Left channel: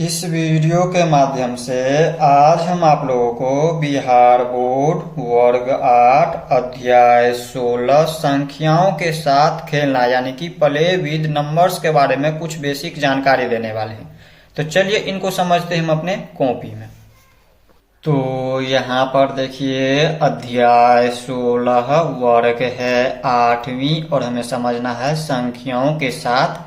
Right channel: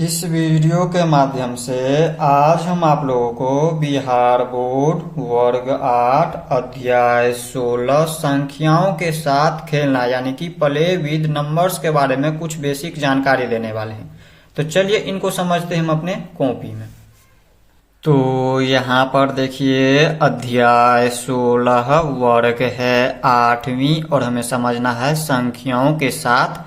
इस वीडियो के माध्यम से आज हम आप लोगों को बिहार बोर्ड वर्ग 8 अध्याय 16 संख्याओं के साथ खेलना यानी कि प्ले विद नंबर्स के बारे में कुछ बेसिक जानकारी देने वाले हैं। तो चलिए इनको समझते हैं हम अपने कॉपी में। तो यहाँ पर देखिए अध्याय 16 वर्ग है 8वीं और हमें समझना है संख्याओं के साथ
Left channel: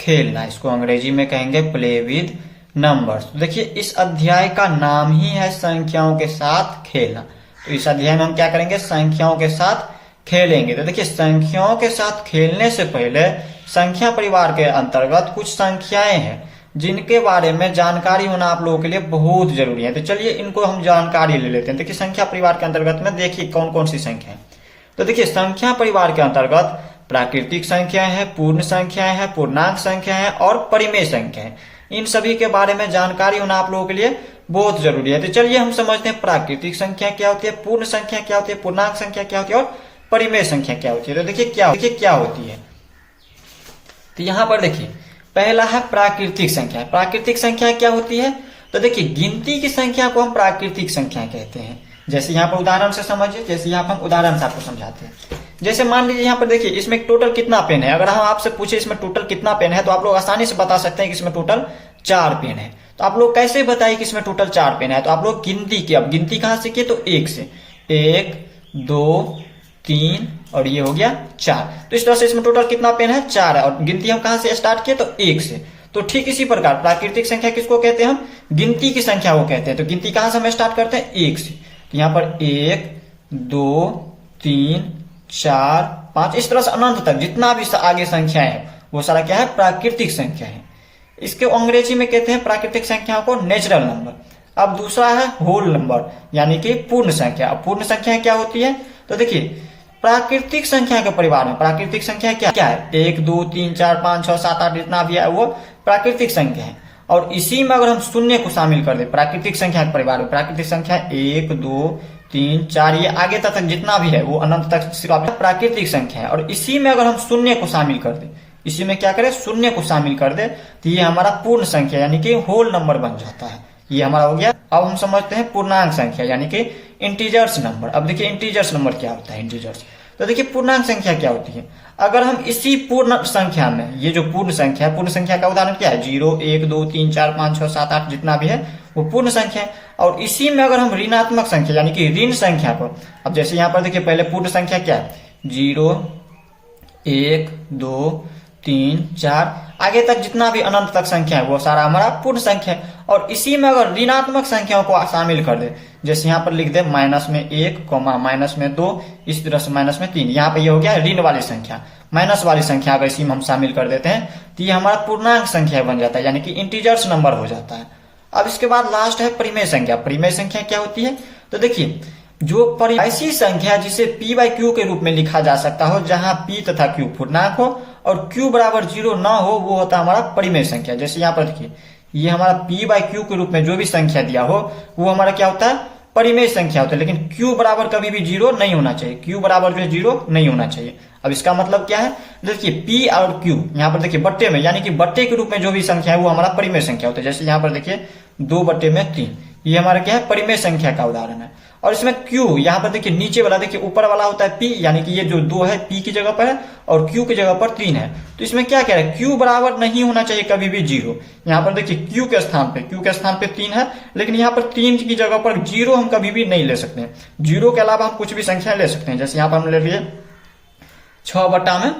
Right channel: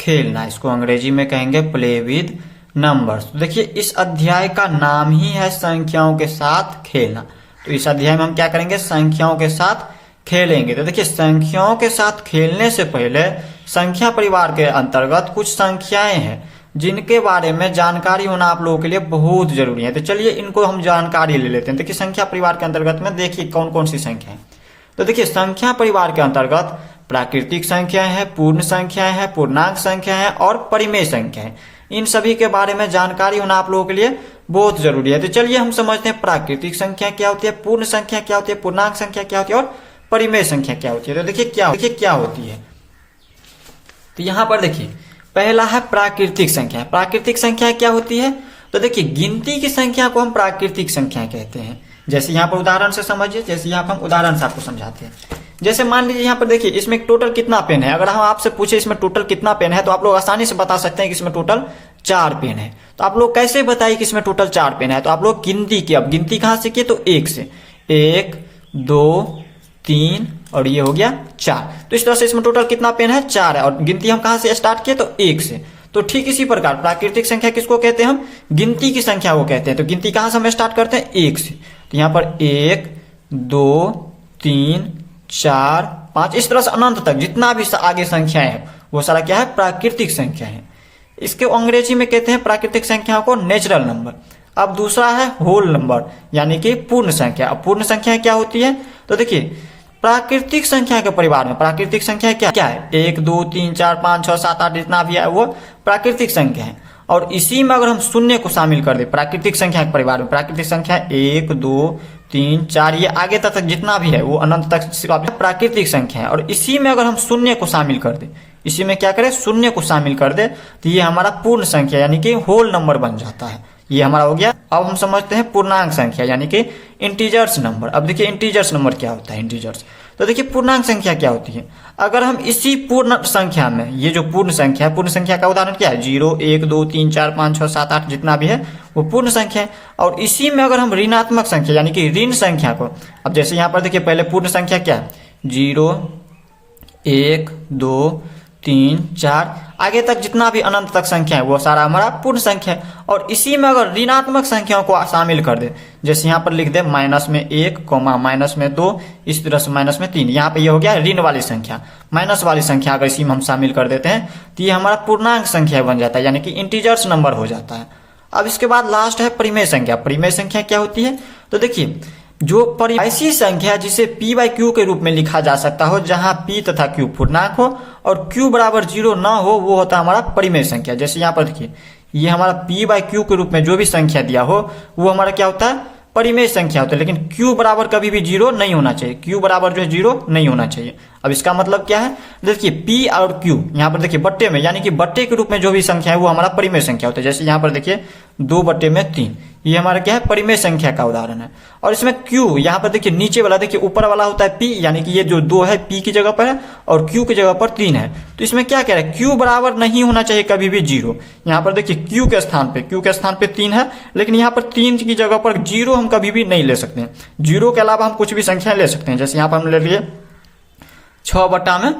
खेलना। इसको अंग्रेजी में कहेंगे प्ले विद नंबर्स। तो देखिए इस अध्याय का नाम ही है संख्याओं के साथ खेलना। तो इस अध्याय में हम क्या करेंगे, संख्याओं के साथ खेलेंगे। तो देखिए संख्याओं के साथ खेलने से पहले संख्या परिवार के अंतर्गत कुछ संख्याएं हैं जिनके बारे में जानकारी होना आप लोगों के लिए बहुत जरूरी है। तो चलिए इनको हम जानकारी ले लेते हैं। देखिए संख्या परिवार के अंतर्गत में देखिए कौन कौन सी संख्या है। तो देखिए संख्या परिवार के अंतर्गत प्राकृतिक संख्याएं हैं, पूर्ण संख्याएं हैं, पूर्णांक संख्याएं हैं और परिमेय संख्याएं। इन सभी के बारे में जानकारी होना आप लोगों के लिए बहुत जरूरी है। तो चलिए हम समझते हैं प्राकृतिक संख्या क्या होती है, पूर्ण संख्या क्या होती है, पूर्णांक संख्या क्या होती है और परिमेय संख्या क्या होती है। तो देखिए क्या होती है। तो यहाँ पर देखिए पहला है प्राकृतिक संख्या। प्राकृतिक संख्या क्या होती है, तो देखिए गिनती की संख्या को हम प्राकृतिक संख्या कहते हैं। जैसे यहाँ पर उदाहरण से समझिए, जैसे यहाँ पर हम उदाहरण से आपको समझाते हैं। जैसे मान लीजिए यहाँ पर देखिए इसमें टोटल कितना पेन है। अगर हम आपसे पूछे इसमें टोटल कितना पेन है तो आप लोग आसानी से बता सकते हैं कि इसमें टोटल 4 पेन है। तो आप लोग कैसे बताइए कि इसमें टोटल 4 पेन है, तो आप लोग गिनती की, अब गिनती कहां से किए, तो 1 से, 1 2 3 और ये हो गया 4। तो इस तरह से इसमें टोटल कितना पेन है, 4 है। और गिनती हम कहां से स्टार्ट किए, तो 1 से। तो ठीक इसी प्रकार प्राकृतिक संख्या किसको कहते हैं, हम गिनती की संख्या को कहते हैं। तो गिनती कहां से हम स्टार्ट करते हैं, 1 से। तो यहाँ पर 1 2 3 4 5 इस तरह से अनंत तक जितना भी आगे संख्याएं हैं वो सारा क्या है, प्राकृतिक संख्या है। इसके अंग्रेजी में कहते हैं प्राकृतिक संख्याओं को नेचुरल नंबर। अब दूसरा है होल नंबर यानी कि पूर्ण संख्या। अब पूर्ण संख्या क्या होती है, तो देखिए प्राकृतिक संख्या के परिवार में प्राकृतिक संख्या क्या है, 1 2 3 4 5 6 7 8 जितना भी है वो प्राकृतिक संख्या है। और इसी में अगर हम शून्य को शामिल कर दे प्राकृतिक संख्या के परिवार में, प्राकृतिक संख्या 1 2 3 4 ये आगे तक जितना भी है वो अनंत तक प्राकृतिक संख्या है। और इसी में अगर हम शून्य को शामिल कर दे, इसी में क्या करें, शून्य को शामिल कर दे, तो ये हमारा पूर्ण संख्या यानी कि होल नंबर बन जाता है। ये हमारा हो गया। अब हम समझते हैं पूर्णांक संख्या यानी कि इंटीजर्स नंबर। अब देखिए इंटीजर्स नंबर क्या होता है, इंटीजर्स। तो देखिए पूर्णांक संख्या क्या होती है, अगर हम इसी पूर्ण संख्या में, ये जो पूर्ण संख्या है, पूर्ण संख्या का उदाहरण क्या है, 0 1 2 3 4 5 6 7 8 जितना भी है वो पूर्ण संख्या है। और इसी में अगर हम ऋणात्मक संख्या यानी कि ऋण संख्या को, अब जैसे यहाँ पर देखिए पहले पूर्ण संख्या क्या है, 0 1 2 3 4 आगे तक जितना भी अनंत तक संख्या है वो सारा हमारा पूर्ण संख्या है। और इसी में अगर ऋणात्मक संख्याओं को शामिल कर दे, जैसे यहाँ पर लिख दे माइनस में 1 माइनस में 2 इस तरह से माइनस में 3, यहाँ पे ये हो गया ऋण वाली संख्या। माइनस वाली संख्या अगर इसी में हम शामिल कर देते हैं तो ये हमारा पूर्णांक संख्या बन जाता है यानी कि इंटीजर्स नंबर हो जाता है। अब इसके बाद लास्ट है परिमेय संख्या। परिमेय संख्या क्या होती है, तो देखिए जो ऐसी संख्या जिसे p बाई क्यू के रूप में लिखा जा सकता हो, जहां p तथा q पूर्णांक हो और q बराबर 0 ना हो, वो होता है हमारा परिमेय संख्या। जैसे यहाँ पर देखिए ये हमारा p बाई क्यू के रूप में जो भी संख्या दिया हो वो हमारा क्या होता है, परिमेय संख्या होता है। लेकिन q बराबर कभी भी 0 नहीं होना चाहिए, q बराबर जो है 0 नहीं होना चाहिए। अब इसका मतलब क्या है, देखिए p और q यहाँ पर देखिए बट्टे में यानी कि बट्टे के रूप में जो भी संख्या है वो हमारा परिमेय संख्या होता है। जैसे यहाँ पर देखिए 2/3 ये हमारा क्या है, परिमेय संख्या का उदाहरण है। और इसमें q यहाँ पर देखिए नीचे वाला, देखिए ऊपर वाला होता है p यानी कि ये जो 2 है p की जगह पर है और q की जगह पर 3 है। तो इसमें क्या कह रहा है, q बराबर नहीं होना चाहिए कभी भी 0। यहाँ पर देखिए q के स्थान पे 3 है, लेकिन यहाँ पर 3 की जगह पर 0 हम कभी भी नहीं ले सकते हैं। 0 के अलावा हम कुछ भी संख्या ले सकते हैं। जैसे यहाँ पर हम ले लिए 6/3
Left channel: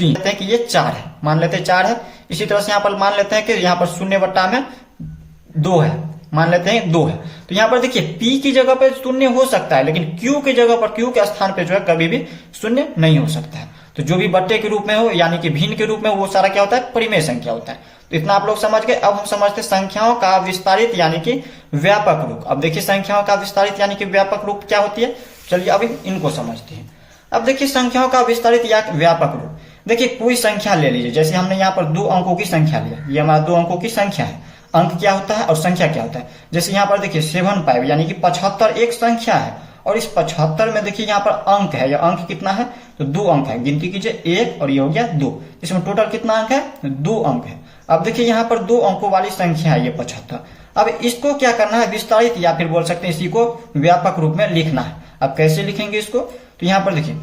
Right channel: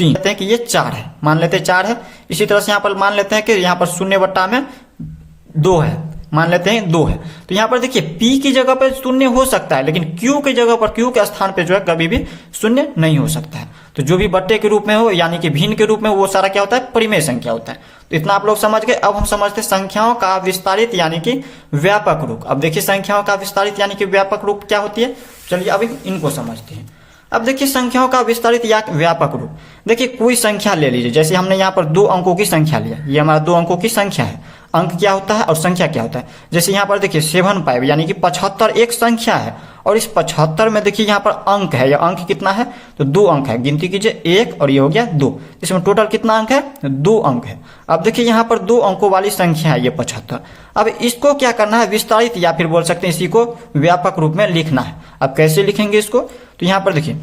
लेते हैं कि ये 4 है, मान लेते हैं 4 है। इसी तरह से यहाँ पर मान लेते हैं कि यहाँ पर 0/2 है, मान लेते हैं 2 है। तो यहाँ पर देखिए p की जगह पर 0 हो सकता है, लेकिन q की जगह पर, q के स्थान पे जो है कभी भी 0 नहीं हो सकता है। तो जो भी बट्टे के रूप में हो यानी कि भिन्न के रूप में, वो सारा क्या होता है, परिमेय संख्या होता है। तो इतना आप लोग समझ गए। अब हम समझते हैं संख्याओं का विस्तारित यानी कि व्यापक रूप। अब देखिए संख्याओं का विस्तारित यानी कि व्यापक रूप क्या होती है, चलिए अब इनको समझते हैं। अब देखिए संख्याओं का विस्तारित या व्यापक रूप, देखिए कोई संख्या ले लीजिए। जैसे हमने यहाँ पर 2 अंकों की संख्या लिया, ये हमारा 2 अंकों की संख्या है। अंक क्या होता है और संख्या क्या होता है, जैसे यहाँ पर देखिए 75 यानी कि 75 एक संख्या है। और इस 75 में देखिए यहाँ पर अंक है, या अंक कितना है, तो 2 अंक है। गिनती कीजिए 1 और ये हो गया 2, इसमें टोटल कितना अंक है, 2 अंक है। अब देखिए यहाँ पर 2 अंकों वाली संख्या है ये 75। अब इसको क्या करना है, विस्तारित या फिर बोल सकते हैं इसी को व्यापक रूप में लिखना है। अब कैसे लिखेंगे इसको, तो यहाँ पर देखिए,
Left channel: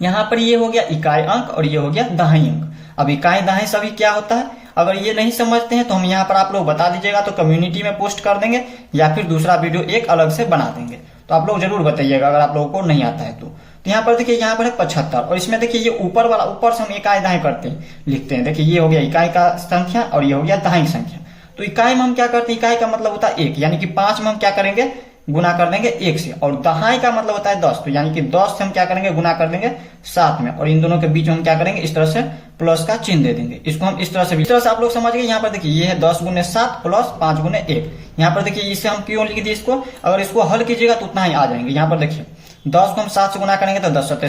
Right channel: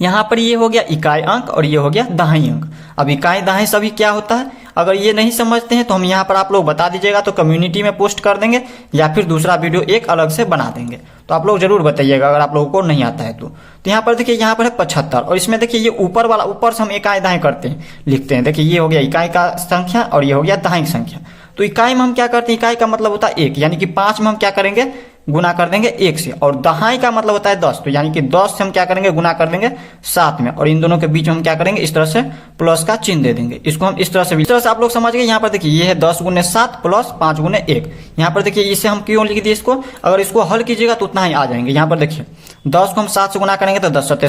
यहाँ पर ये हो गया इकाई अंक और ये हो गया दहाई अंक। अब इकाई दहाई सभी क्या होता है, अगर ये नहीं समझते हैं तो हम यहाँ पर आप लोग बता दीजिएगा, तो कम्युनिटी में पोस्ट कर देंगे या फिर दूसरा वीडियो एक अलग से बना देंगे। तो आप लोग जरूर बताइएगा अगर आप लोगों को नहीं आता है तो यहाँ पर देखिए, यहाँ पर है 75 और इसमें देखिए ये ऊपर वाला, ऊपर से हम इकाई दहाई करते हैं, लिखते हैं। देखिए ये हो गया इकाई का संख्या और ये हो गया दहाई संख्या। तो इकाई में हम क्या करते हैं, इकाई का मतलब होता है 1, यानी कि 5 में हम क्या करेंगे, गुना कर देंगे 1 से। और दहाई का मतलब होता है 10, तो यानी कि 10 से हम क्या करेंगे, गुना कर देंगे 7 में। और इन दोनों के बीच में हम क्या करेंगे, इस तरह से प्लस का चिन्ह दे देंगे। इसको हम इस तरह से, इस तरह से आप लोग समझ गए। यहाँ पर देखिए ये है 10 गुने 7 प्लस 5 गुने 1। यहाँ पर देखिए इसे हम क्यों लिख दिए इसको, अगर इसको हल कीजिएगा तो उतना ही आ जाएंगे। यहाँ पर देखिए 10 को हम 7 से गुना करेंगे तो 10 सत्ते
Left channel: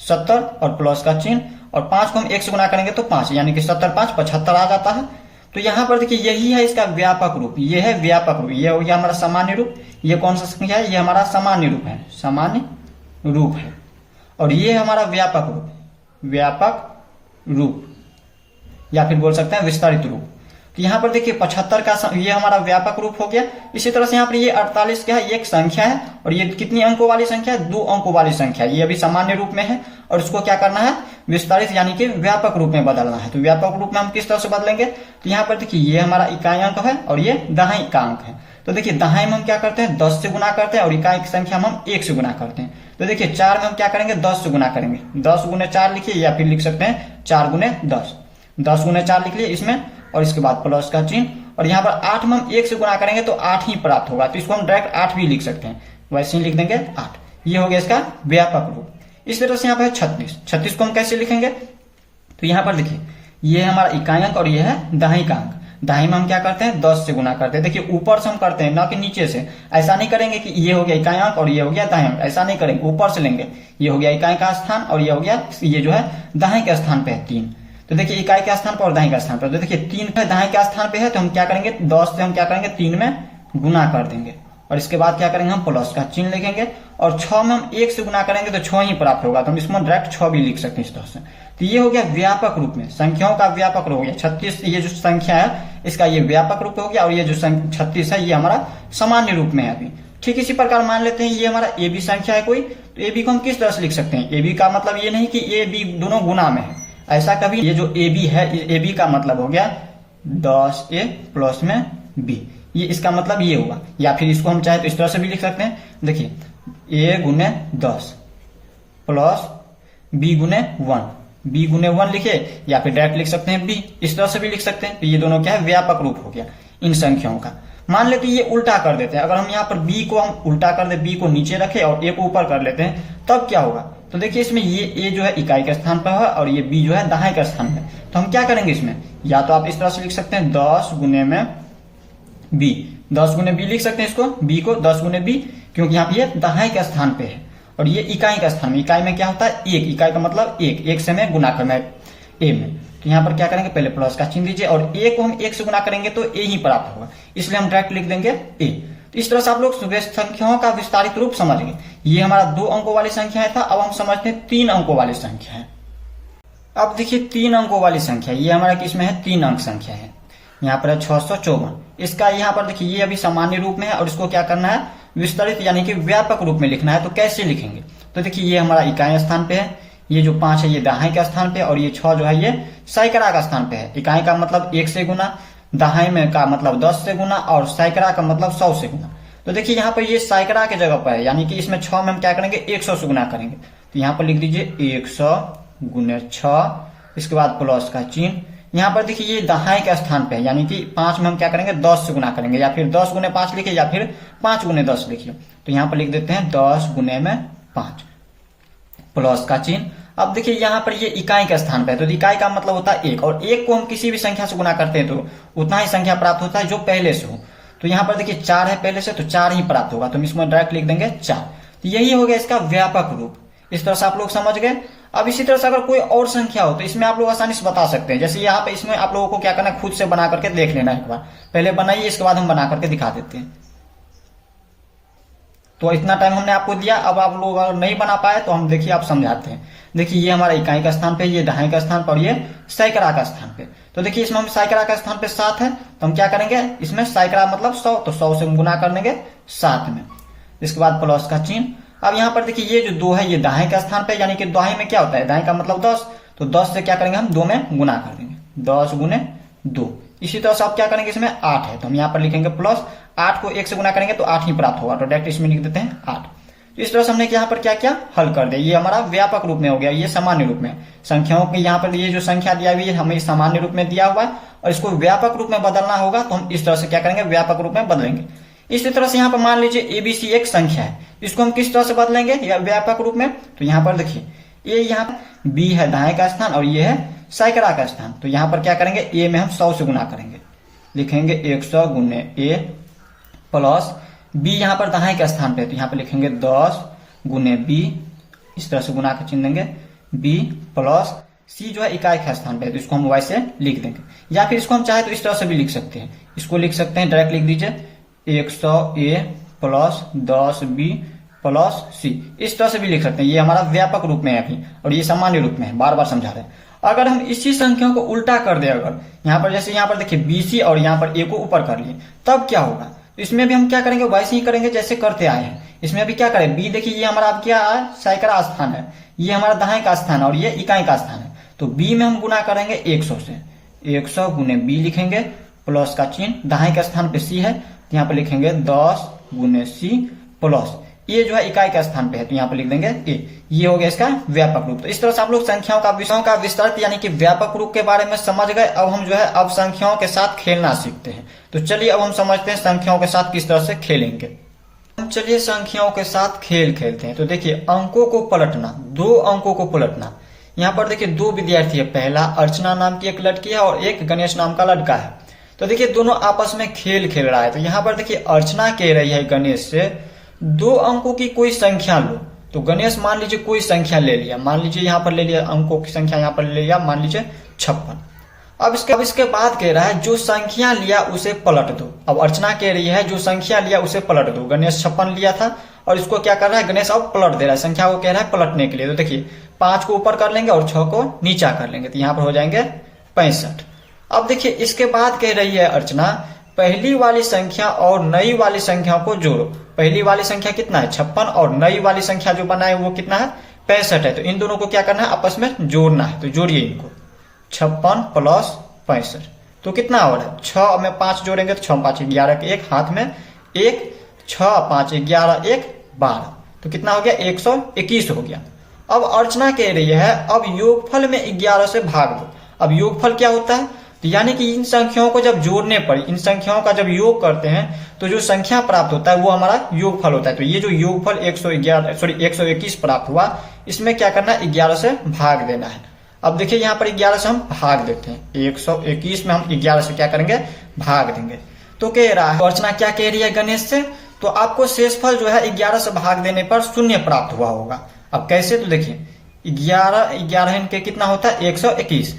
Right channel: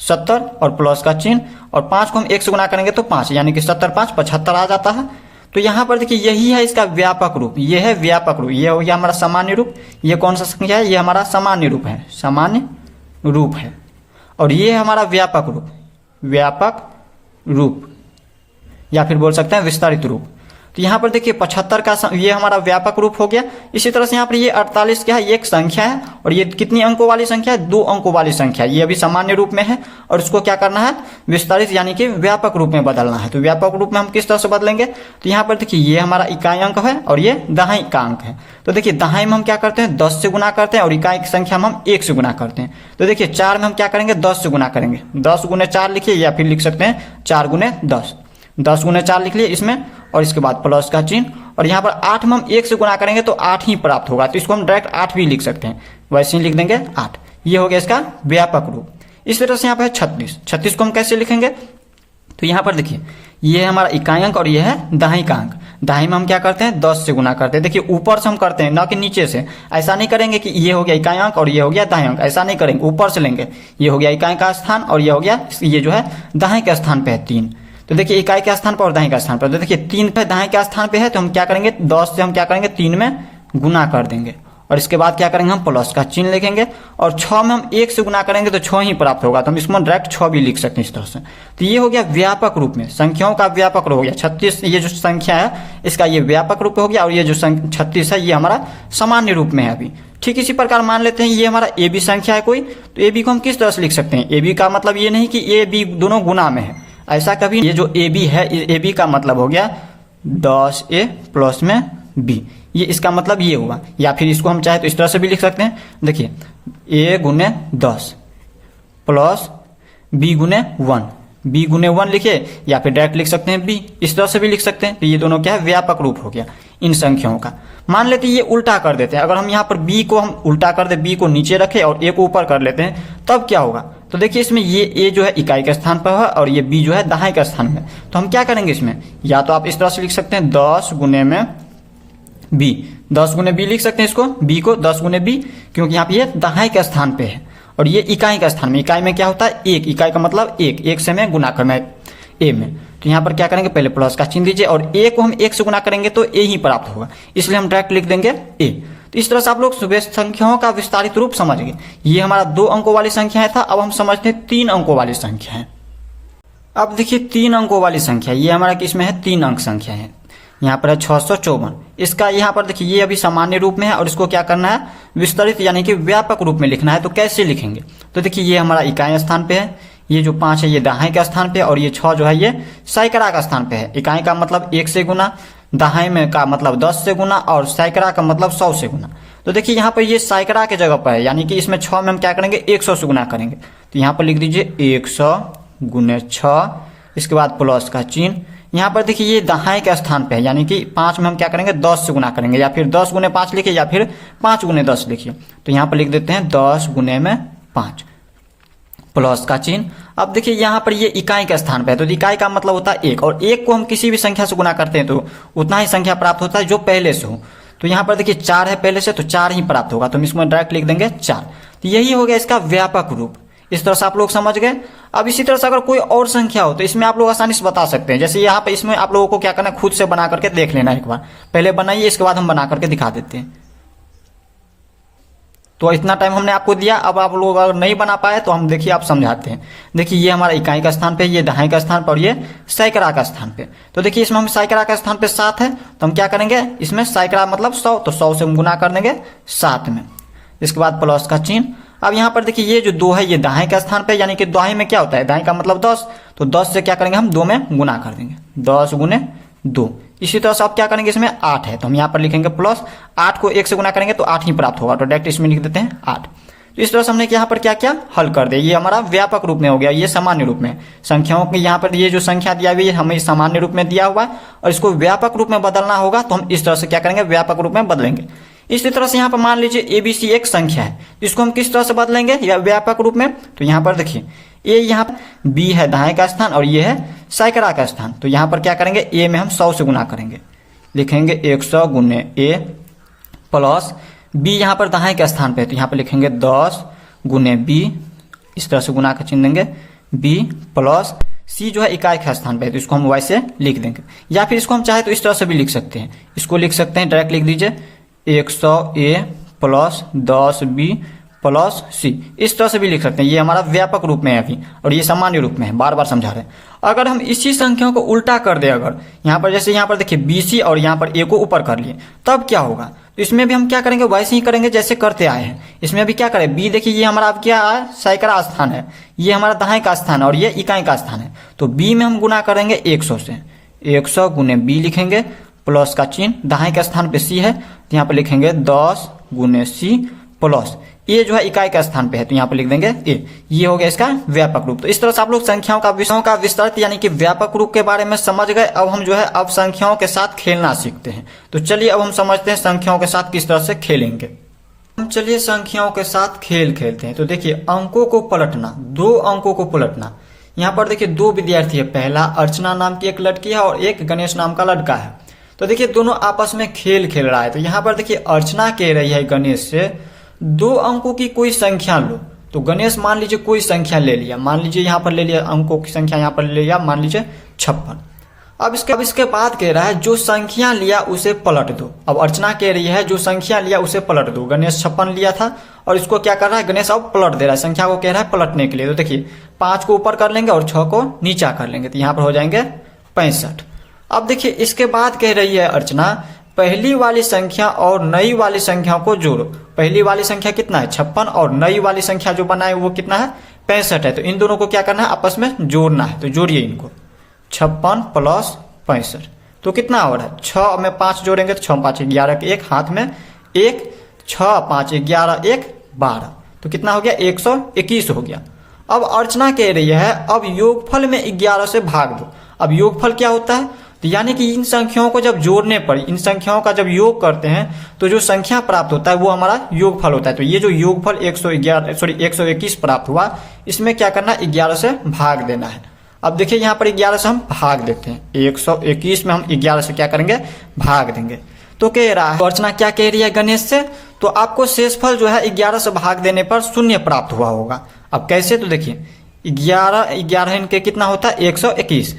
70 और प्लस का चिन्ह, और 5 को हम 1 से गुना करेंगे तो 5, यानी कि 70 5 75 आ जाता है। तो यहाँ पर देखिए यही है इसका व्यापक रूप, ये है व्यापक रूप। ये हो गया हमारा सामान्य रूप। ये कौन सा संख्या है, ये हमारा सामान्य रूप है, सामान्य रूप है। और ये हमारा व्यापक रूप, व्यापक रूप या फिर बोल सकते हैं विस्तारित रूप। तो यहाँ पर देखिए 75 का ये हमारा व्यापक रूप हो गया। इसी तरह से यहाँ पर ये 48 क्या है, एक संख्या है और ये कितनी अंकों वाली संख्या है, 2 अंकों वाली संख्या। ये अभी सामान्य रूप में है और इसको क्या करना है, विस्तारित यानी कि व्यापक रूप में बदलना है। तो व्यापक रूप में हम किस तरह से बदलेंगे, तो यहाँ पर देखिए ये हमारा इकाई अंक है और ये दहाई का अंक है। तो देखिए दहाई में हम क्या करते हैं, 10 से गुना करते हैं और इकाई की संख्या में हम 1 से गुना करते हैं। तो देखिए 4 में हम क्या करेंगे, 10 से गुना करेंगे। 10 गुने 4 लिखिए या फिर लिख सकते हैं 4 गुने 10। 10 गुने 4 लिख लिए इसमें और इसके बाद प्लस का चिन्ह। और यहाँ पर 8 में हम 1 से गुना करेंगे तो 8 ही प्राप्त होगा। तो इसको हम डायरेक्ट 8 भी लिख सकते हैं, वैसे ही लिख देंगे 8। ये हो गया इसका व्यापक रूप। इस तरह से यहाँ पर 36 को हम कैसे लिखेंगे, तो यहाँ पर देखिए ये है हमारा इकाई अंक और ये है दहाई का अंक। दहाई में हम क्या करते हैं, 10 से गुना करते हैं। देखिए ऊपर से हम करते हैं ना कि नीचे से। ऐसा नहीं करेंगे कि ये हो गया इकाई अंक और ये हो गया दहाई अंक, ऐसा नहीं करेंगे, ऊपर से लेंगे। ये हो गया इकाई का स्थान और ये हो गया, ये जो है दहाई के स्थान पे है 3। तो देखिए इकाई के स्थान पर और दहाई के स्थान पर, तो देखिए 3 पे दहाई के स्थान पे है, तो हम क्या करेंगे, 10 से हम क्या करेंगे 3 में गुना कर देंगे और इसके बाद क्या करेंगे, हम प्लस का चिन्ह लिखेंगे। और 6 में हम 1 से गुना करेंगे तो 6 ही प्राप्त होगा। तो हम इसको डायरेक्ट 6 भी लिख सकते हैं इस तरह से। तो ये हो गया व्यापक रूप में, संख्याओं का व्यापक रूप हो गया। 36 ये जो संख्या है इसका ये व्यापक रूप हो गया और ये जो 36 है ये हमारा सामान्य रूप में है अभी। ठीक इसी प्रकार मान लेते हैं ये हमारा ए बी संख्या है कोई, तो ए बी को हम किस तरह से लिख सकते हैं। ए बी का मतलब ये नहीं कि ए बी दोनों गुना में है, ऐसा कभी। ये जो ए बी है, ए बी का मतलब हो गया 10A प्लस में B, ये इसका मतलब ये हुआ। या फिर इसको हम चाहे तो इस तरह से भी लिख सकते हैं। देखिए A गुने 10 प्लस B गुने 1, B गुने 1 लिखे या फिर डायरेक्ट लिख सकते हैं B, इस तरह से भी लिख सकते हैं। तो ये दोनों क्या है, व्यापक रूप हो गया इन संख्याओं का। मान लेते हैं ये उल्टा कर देते हैं, अगर हम यहाँ पर B को हम उल्टा कर दे, B को नीचे रखे और A को ऊपर कर लेते हैं, तब क्या होगा। तो देखिए इसमें ये A जो है इकाई के स्थान पर है और ये B जो है दहाई के स्थान में। तो हम क्या करेंगे इसमें, या तो आप इस तरह से लिख सकते हैं 10 गुने में B, 10 गुने B लिख सकते हैं इसको, B को 10 गुने B, क्योंकि यहाँ पे ये दहाई के स्थान पे है और ये इकाई का स्थान में। इकाई में क्या होता है, 1, इकाई का मतलब 1 से मैं गुना करना है A में। तो यहाँ पर क्या करेंगे, पहले प्लस का चिन्ह दीजिए और A को हम 1 से गुना करेंगे तो A ही प्राप्त होगा, इसलिए हम डायरेक्ट लिख देंगे A। तो इस तरह से आप लोग संख्याओं का विस्तारित रूप समझ गए। ये हमारा 2 अंकों वाली संख्या था। अब हम समझते हैं 3 अंकों वाली संख्या है। अब देखिए 3 अंकों वाली संख्या, ये हमारा किसमें है, 3 अंक संख्या है। यहाँ पर है 654। इसका यहाँ पर देखिए ये अभी सामान्य रूप में है और इसको क्या करना है, विस्तारित यानी कि व्यापक रूप में लिखना है। तो कैसे लिखेंगे, तो देखिए ये हमारा इकाई स्थान पे है, ये जो 5 है ये दहाई का स्थान पे और ये 6 जो है ये सैकड़ा का स्थान पे है। इकाई का मतलब 1 से गुना, दहाई में का मतलब 10 से गुना और सैकड़ा का मतलब 100 से गुना। तो देखिए यहाँ पर ये सैकड़ा के जगह पर है, यानी कि इसमें 6 में हम क्या करेंगे, 100 से गुना करेंगे। तो यहाँ पर लिख दीजिए 100 गुने 6, इसके बाद प्लस का चिन्ह। यहाँ पर देखिए ये दहाई के स्थान पे है, यानी कि 5 में हम क्या करेंगे, 10 से गुना करेंगे, या फिर 10 गुने 5 लिखिए या फिर 5 गुने 10 लिखिए। तो यहाँ पर लिख देते हैं 10 गुने में 5 प्लस का चिन्ह। अब देखिए यहाँ पर ये इकाई के स्थान पे है, तो इकाई का मतलब होता है 1 और 1 को हम किसी भी संख्या से गुना करते हैं तो उतना ही संख्या प्राप्त होता है जो पहले से हो। तो यहाँ पर देखिए 4 है पहले से, तो 4 ही प्राप्त होगा, तो हम इसमें डायरेक्ट लिख देंगे 4। तो यही हो गया इसका व्यापक रूप। इस तरह से आप लोग समझ गए। अब इसी तरह से अगर कोई और संख्या हो तो इसमें आप लोग आसानी से बता सकते हैं। जैसे यहाँ पे इसमें आप लोगों को क्या करना है, खुद से बना करके देख लेना एक बार, पहले बनाइए इसके बाद हम बना करके दिखा देते हैं। तो इतना टाइम हमने आपको दिया। अब आप लोग अगर नहीं बना पाए तो हम देखिए आप समझाते हैं। देखिए ये हमारा इकाई का स्थान पे, ये दहाई का स्थान पर, ये सैकड़ा का स्थान पे। तो देखिए इसमें हम सैकड़ा का स्थान पे 7 है, तो हम क्या करेंगे, इसमें सैकड़ा मतलब 100, तो 100 से हम गुना कर देंगे 7 में। इसके बाद प्लस का चिन्ह। अब यहाँ पर देखिए ये जो 2 है ये दाएं का स्थान पे, यानी कि दाएं में क्या होता है, दाएं का मतलब 10, तो 10 से क्या करेंगे हम 2 में गुना कर देंगे, 10 गुने 2। इसी तरह से आप क्या करेंगे, इसमें 8 है तो हम यहाँ पर लिखेंगे प्लस, 8 को 1 से गुना करेंगे तो 8 ही प्राप्त होगा, तो डायरेक्ट इसमें लिख देते हैं 8। तो इस तरह से हमने यहाँ पर क्या किया, हल कर दिया। ये हमारा व्यापक रूप में हो गया, ये सामान्य रूप में संख्याओं की यहाँ पर ये जो संख्या दिया हुई है हमें सामान्य रूप में दिया हुआ है, और इसको व्यापक रूप में बदलना होगा तो हम इस तरह से क्या करेंगे, व्यापक रूप में बदलेंगे। इसी तरह से यहाँ पर मान लीजिए एबीसी एक संख्या है, इसको हम किस तरह से बदलेंगे या व्यापक रूप में, तो यहाँ पर देखिए ए, यहाँ पर बी है दाएं का स्थान और ये है सैकड़ा का स्थान, तो यहाँ पर क्या करेंगे, ए में हम 100 से गुना करेंगे, लिखेंगे 100 गुने ए, प्लस बी यहाँ पर दाएं के स्थान पे, तो यहाँ पर लिखेंगे 10 गुने बी, इस तरह से गुना का चिन्ह देंगे बी, प्लस सी जो है इकाई के स्थान पे, तो इसको हम वैसे लिख देंगे, या फिर इसको हम चाहे तो इस तरह से भी लिख सकते हैं, इसको लिख सकते हैं डायरेक्ट लिख दीजिए 100 ए प्लस 10 बी प्लस सी, इस तरह से भी लिख सकते हैं। ये हमारा व्यापक रूप में है अभी, और ये सामान्य रूप में है, बार बार समझा रहे हैं। अगर हम इसी संख्याओं को उल्टा कर दे, अगर यहाँ पर जैसे यहाँ पर देखिए बीसी और यहाँ पर ए को ऊपर कर लिए, तब क्या होगा, तो इसमें भी हम क्या करेंगे, वैसे ही करेंगे जैसे करते आए हैं। इसमें भी क्या करें, बी देखिए ये हमारा अब क्या है, सैकड़ा स्थान है, ये हमारा दाएं का स्थान है और ये इकाई का स्थान है, तो बी में हम गुना करेंगे 100 से, 100 गुने बी लिखेंगे, प्लस का चिन्ह, दाएं के स्थान पे सी है तो यहाँ पे लिखेंगे 10 गुने सी, प्लस ये जो है इकाई का स्थान पे है तो यहाँ पे लिख देंगे ए। ये हो गया इसका व्यापक रूप। तो इस तरह से आप लोग संख्याओं का विषयों का विस्तृत यानी कि व्यापक रूप के बारे में समझ गए। अब हम जो है अब संख्याओं के साथ खेलना सीखते हैं। तो चलिए अब हम समझते हैं संख्याओं के साथ किस तरह से खेलेंगे। हम चलिए संख्याओं के साथ खेल खेलते हैं। तो देखिए अंकों को पलटना, 2 अंकों को पलटना। यहाँ पर देखिए 2 विद्यार्थी है, पहला अर्चना नाम की एक लड़की है और एक गणेश नाम का लड़का है। तो देखिए दोनों आपस में खेल खेल रहा है। तो यहाँ पर देखिए अर्चना कह रही है गणेश से 2 अंकों की कोई संख्या लो। तो गणेश मान लीजिए कोई संख्या ले लिया, मान लीजिए यहाँ पर ले लिया अंकों की संख्या, यहाँ पर ले लिया मान लीजिए 56। अब इसके बाद कह रहा है जो संख्या लिया उसे पलट दो। अब अर्चना कह रही है जो संख्या लिया उसे पलट दो। गणेश 56 लिया था और इसको क्या कर रहा है, गणेश अब पलट दे रहा है, संख्या को कह रहा है पलटने के लिए। तो देखिए 5 को ऊपर कर लेंगे और 6 को नीचा कर लेंगे, तो यहाँ पर हो जाएंगे 65। अब देखिए इसके बाद कह रही है अर्चना पहली वाली संख्या और नई वाली संख्या को जोड़ो। पहली वाली संख्या कितना है 56 और नई वाली संख्या जो बना है वो कितना है 65 है। तो इन दोनों को क्या करना है, आपस में जोड़ना है। तो जोड़िए इनको, 56 प्लस 65 तो कितना हो रहा है, 6 में 5 जोड़ेंगे तो 6 5 11 के 1 हाथ में 1, 6 5 11 1 12 तो कितना हो गया 121 हो गया। अब अर्चना कह रही है अब योगफल में 11 से भाग दो। अब योगफल क्या होता है, तो यानी कि इन संख्याओं को जब जोड़ने पर, इन संख्याओं का जब योग करते हैं तो जो संख्या प्राप्त होता है वो हमारा योगफल होता है। तो ये जो योगफल 121 प्राप्त हुआ, इसमें क्या करना है 11 से भाग देना है। अब देखिए यहाँ पर 11 से हम भाग देते हैं, 121 में हम 11 से क्या करेंगे भाग देंगे। तो कह रहा है अर्चना क्या कह रही है गणेश से, तो आपको शेषफल जो है 11 से भाग देने पर 0 प्राप्त हुआ होगा। अब कैसे, तो देखिए 11 इनके कितना होता है 121।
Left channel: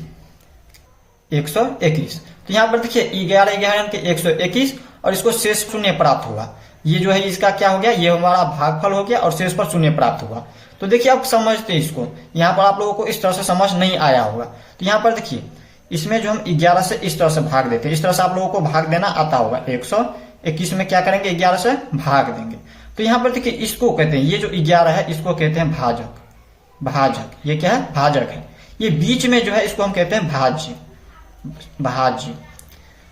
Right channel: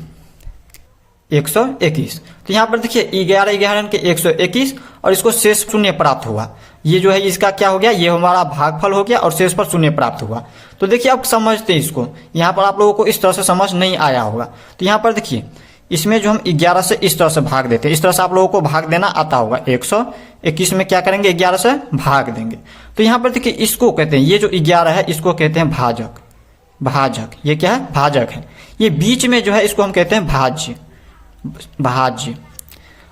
तो यहाँ पर देखिए 11 इनके 121 और इसको शेष 0 प्राप्त हुआ। ये जो है इसका क्या हो गया, ये हमारा भागफल हो गया और शेष पर 0 प्राप्त हुआ। तो देखिए अब समझते हैं इसको, यहाँ पर आप लोगों को इस तरह से समझ नहीं आया होगा। तो यहाँ पर देखिए इसमें जो हम 11 से इस तरह से भाग देते हैं, इस तरह से आप लोगों को भाग देना आता होगा। 121 में क्या करेंगे 11 से भाग देंगे। तो यहाँ पर देखिए इसको कहते हैं, ये जो 11 है इसको कहते हैं भाजक। भाजक ये क्या है, भाजक है। ये बीच में जो है इसको हम कहते हैं भाज्य।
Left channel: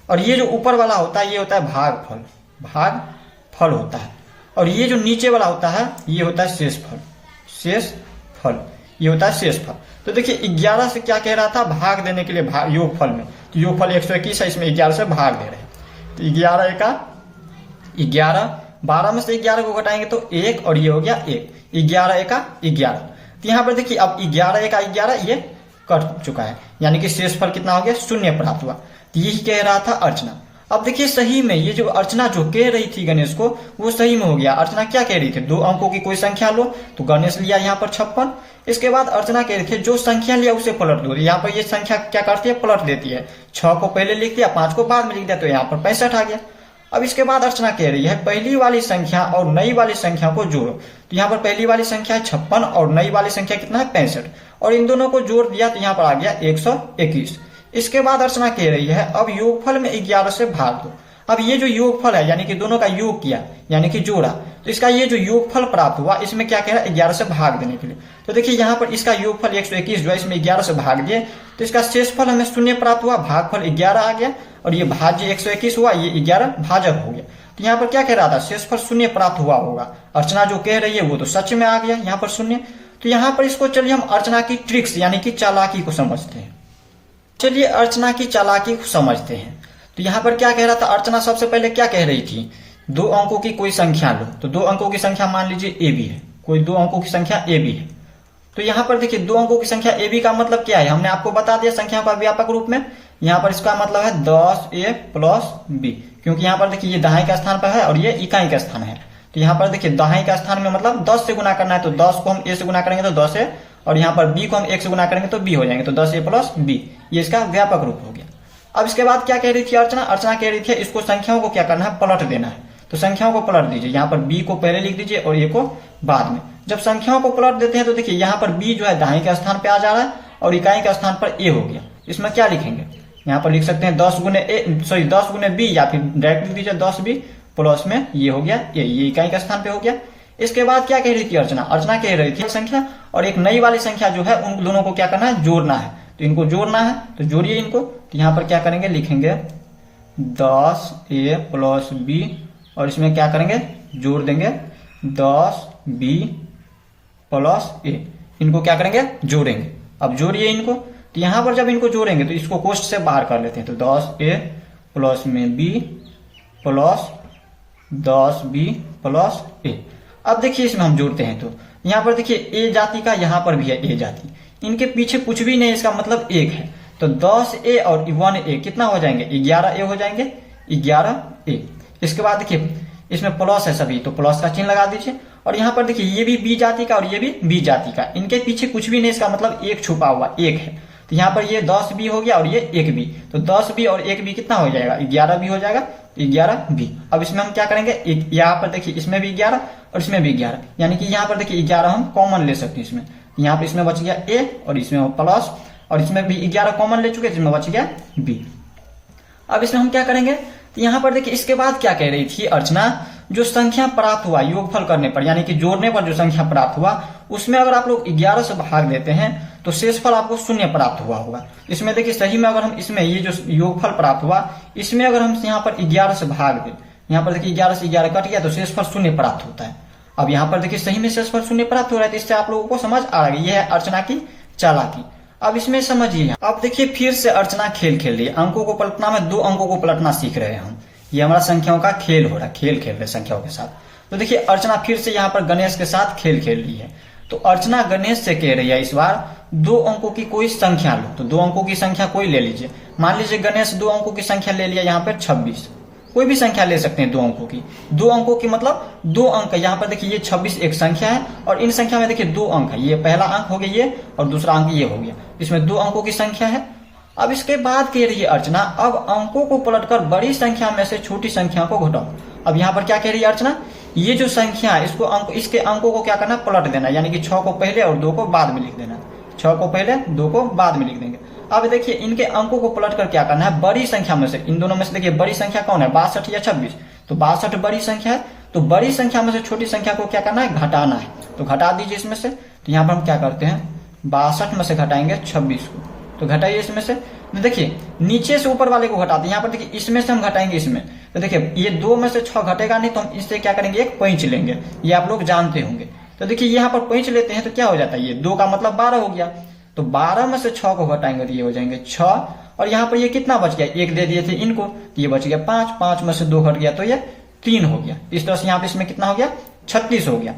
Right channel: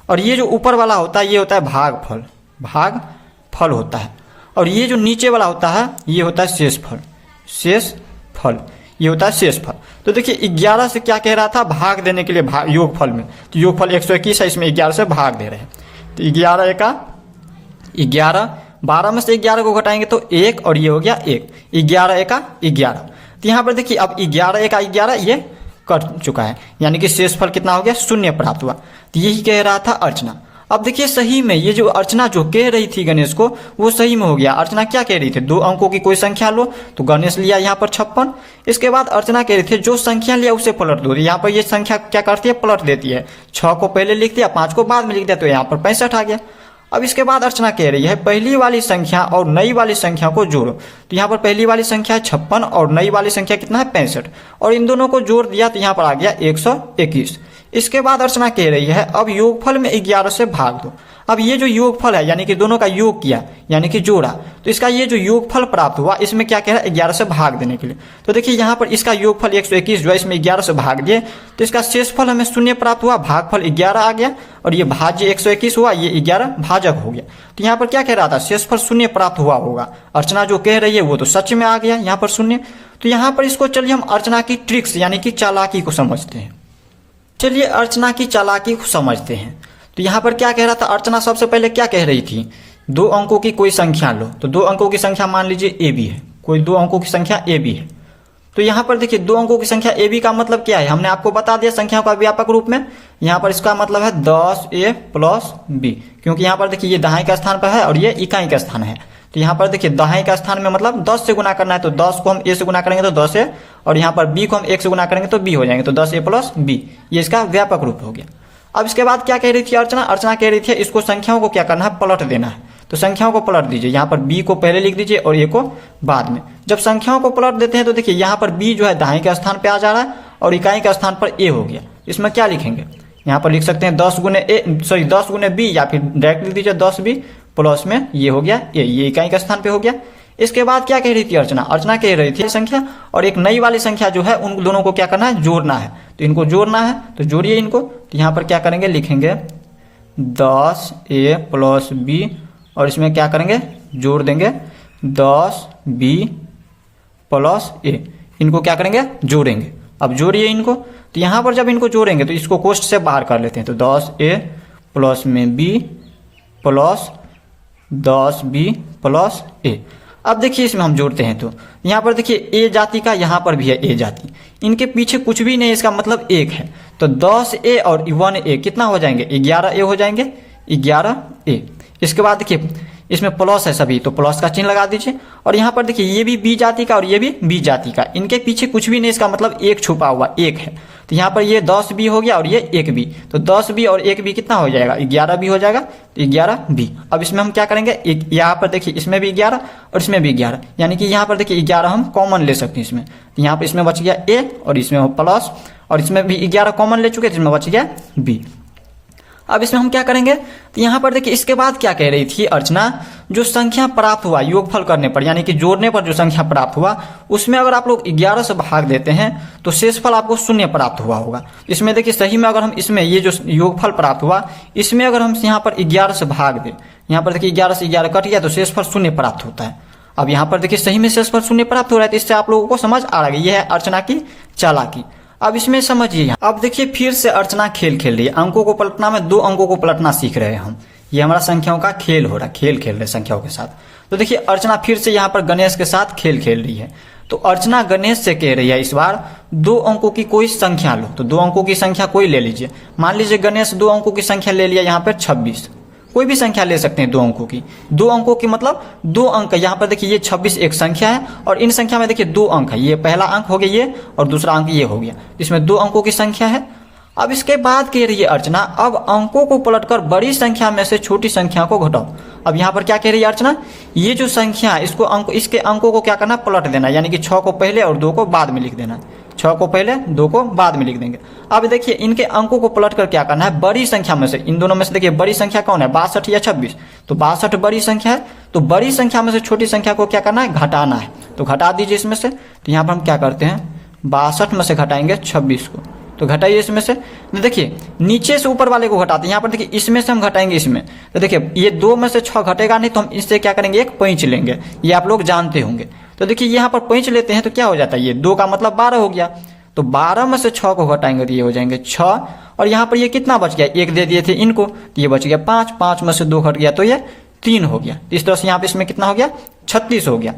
और ये जो ऊपर वाला होता है ये होता है भागफल। भागफल होता है। और ये जो नीचे वाला होता है ये होता है शेषफल। शेषफल ये होता है शेषफल। तो देखिए 11 से क्या कह रहा था, भाग देने के लिए योगफल में, तो योगफल 121 है, इसमें 11 से भाग दे रहे हैं। तो 11 एका 11, 12 में से 11 को घटाएंगे तो 1 और ये हो गया 1, 11 एका 11। तो यहाँ पर देखिए अब 11 एका 11 ये कट चुका है, यानी कि शेषफल कितना हो गया 0 प्राप्त हुआ। तो यही कह रहा था अर्चना। अब देखिए सही में ये जो अर्चना जो कह रही थी गणेश को वो सही में हो गया। अर्चना क्या कह रही थी, 2 अंकों की कोई संख्या लो। तो गणेश लिया यहाँ पर 56। इसके बाद अर्चना कह रही थी जो संख्या लिया उसे पलट दो। यहाँ पर ये संख्या क्या करती है, पलट देती है। 6 को पहले लिख दिया, 5 को बाद में लिख दिया, तो यहाँ पर 65 आ गया। अब इसके बाद अर्चना कह रही है पहली वाली संख्या और नई वाली संख्या को जोड़ो। तो यहाँ पर पहली वाली संख्या है 56 और नई वाली संख्या कितना है 65, और इन दोनों को जोड़ दिया तो यहाँ पर आ गया 121। इसके बाद अर्चना कह रही है अब योगफल में 11 से भाग दो। अब ये जो योगफल है यानी कि दोनों का योग किया यानी कि जोड़ा, तो इसका ये जो योगफल प्राप्त हुआ इसमें क्या कह रहा है 11 से भाग देने के लिए। तो देखिए यहाँ पर इसका योगफल 121 जो है इसमें 11 से भाग दिए तो इसका शेषफल हमें 0 प्राप्त हुआ, भागफल 11 आ गया और ये भाज्य 121 हुआ, ये 11 भाजक हो गया। तो यहाँ पर क्या कह रहा था शेषफल 0 प्राप्त हुआ होगा। अर्चना जो कह रही है वो तो सच में आ गया यहाँ पर 0। तो यहाँ पर इसको चलिए हम अर्चना की ट्रिक्स यानी कि चालाकी को समझते हैं। चलिए अर्चना की चालाकी को समझते हैं। तो यहाँ पर क्या कह रहा था अर्चना, सबसे पहले क्या कह रही थी 2 अंकों की कोई संख्या लो। तो 2 अंकों की संख्या मान लीजिए ए बी है, कोई 2 अंकों की संख्या ए बी है। तो यहाँ पर देखिए 2 अंकों की संख्या ए बी का मतलब क्या है, हमने आपको बता दिया संख्याओं का व्यापक रूप में। यहाँ पर इसका मतलब है 10a प्लस b, क्योंकि यहाँ पर देखिए ये दहाई का स्थान पर है और ये इकाई का स्थान है। तो यहाँ पर देखिए दहाई का स्थान में मतलब 10 से गुना करना है, तो 10 को हम a से गुना करेंगे तो 10a, और यहाँ पर b को हम 1 से गुना करेंगे तो b हो जाएंगे, तो 10a प्लस b, ये इसका व्यापक रूप हो गया। अब इसके बाद क्या कह रही थी अर्चना, अर्चना कह रही थी इसको संख्याओं को क्या करना है पलट देना है। तो संख्याओं को पलट दीजिए, यहाँ पर b को पहले लिख दीजिए और a को बाद में। जब संख्याओं को पलट देते हैं तो देखिए यहाँ पर b जो है दहाई के स्थान पे आ जा रहा है और इकाई का स्थान पर a हो गया। इसमें क्या लिखेंगे, यहाँ पर लिख सकते हैं 10 गुने b, या फिर डायरेक्ट लिख दीजिए 10b प्लस में ये हो गया a, ये इकाई का स्थान पे हो गया। इसके बाद क्या कह रही थी अर्चना, अर्चना कह रही थी संख्या और एक नई वाली संख्या जो है उन दोनों को क्या करना है जोड़ना है। तो इनको जोड़ना है तो जोड़िए इनको। तो यहाँ पर क्या करेंगे लिखेंगे 10a प्लस b और इसमें क्या करेंगे जोड़ देंगे 10b प्लस a, इनको क्या करेंगे जोड़ेंगे। अब जोड़िए इनको। तो यहाँ पर जब इनको जोड़ेंगे तो इसको कोष्ठ से बाहर कर लेते हैं। तो 10a प्लस में b plus 10b plus a। अब देखिए इसमें हम जोड़ते हैं तो यहाँ पर देखिए ए जाति का यहाँ पर भी है ए जाति, इनके पीछे कुछ भी नहीं, इसका मतलब 1 है। तो 10a और 1a कितना हो जाएंगे 11a हो जाएंगे, 11a। इसके बाद देखिए इसमें प्लस है सभी, तो प्लस का चिन्ह लगा दीजिए। और यहाँ पर देखिए ये भी बी जाति का और ये भी बी जाति का, इनके पीछे कुछ भी नहीं, इसका मतलब 1 छुपा हुआ 1 है। तो यहाँ पर ये 10b हो गया और ये 1b, तो 10b और 1b कितना हो जाएगा 11b हो जाएगा, तो 11b। अब इसमें हम क्या करेंगे यहाँ पर देखिए इसमें भी 11 और इसमें भी 11, यानी कि यहाँ पर देखिए 11 हम कॉमन ले सकते हैं इसमें। यहाँ पर इसमें बच गया a और इसमें प्लस, और इसमें भी 11 कॉमन ले चुके जिसमें बच गया b। अब इसमें हम क्या करेंगे, तो यहाँ पर देखिए इसके बाद क्या कह रही थी अर्चना, जो संख्या प्राप्त हुआ योगफल करने पर यानी कि जोड़ने पर जो संख्या प्राप्त हुआ उसमें अगर आप लोग 11 से भाग देते हैं तो शेषफल आपको 0 प्राप्त हुआ होगा। इसमें देखिए सही में अगर हम इसमें ये जो योगफल प्राप्त हुआ इसमें अगर हम यहाँ पर 11 से भाग दें, यहाँ पर देखिए 11 से 11 कट गया तो शेषफल 0 प्राप्त होता है। अब यहाँ पर देखिए सही में शेषफल 0 प्राप्त हो रहा है, तो इससे आप लोगों को समझ आ गई है अर्चना की चालाकी। अब इसमें समझिए, अब देखिए फिर से अर्चना खेल खेल रही है, अंकों को पलटना में 2 अंकों को पलटना सीख रहे हैं हम। ये हमारा संख्याओं का खेल हो रहा है, खेल खेल रहे संख्याओं के साथ। तो देखिए अर्चना फिर से यहाँ पर गणेश के साथ खेल खेल रही है। तो अर्चना गणेश से कह रही है इस बार 2 अंकों की कोई संख्या लो। तो 2 अंकों की संख्या कोई ले लीजिए, मान लीजिए गणेश 2 अंकों की संख्या ले लिया यहाँ पर 26, कोई भी संख्या ले सकते हैं 2 अंकों की। 2 अंकों की मतलब 2 अंक, यहाँ पर देखिए ये 26 एक संख्या है और इन संख्या में देखिए 2 अंक है, ये पहला अंक हो गया ये और दूसरा अंक ये हो गया, इसमें 2 अंकों की संख्या है। अब इसके बाद कह रही है अर्चना अब अंकों को पलटकर बड़ी संख्या में से छोटी संख्या को घटाओ। अब यहाँ पर क्या कह रही है अर्चना, ये जो संख्या है इसके अंकों को क्या करना पलट देना, यानी कि 6 को पहले और 2 को बाद में लिख देना। 6 को पहले 2 को बाद में लिख देंगे। अब देखिए इनके अंकों को पलट कर क्या करना है, बड़ी संख्या में से, इन दोनों में से देखिए बड़ी संख्या कौन है 62 या 26, तो 62 बड़ी संख्या है, तो बड़ी संख्या में से छोटी संख्या को क्या करना है घटाना है। तो घटा दीजिए इसमें से। तो यहाँ पर हम क्या करते हैं 62 में से घटाएंगे 26 को, तो घटाइए इसमें से। तो देखिए नीचे से ऊपर वाले को घटाते हैं, यहाँ पर देखिए इसमें से हम घटाएंगे इसमें, तो देखिए ये 2 में से 6 घटेगा नहीं, तो हम इससे क्या करेंगे एक पैंच लेंगे, ये आप लोग जानते होंगे। तो देखिए यहाँ पर पैंच लेते हैं तो क्या हो जाता है, ये 2 का मतलब 12 हो गया, तो 12 में से 6 को घटाएंगे तो ये हो जाएंगे 6, और यहाँ पर ये कितना बच गया 1 दे दिए थे इनको, तो ये बच गया 5, 5 में से 2 घट गया तो ये 3 हो गया। इस तरह से यहाँ पे इसमें कितना हो गया 36 हो गया।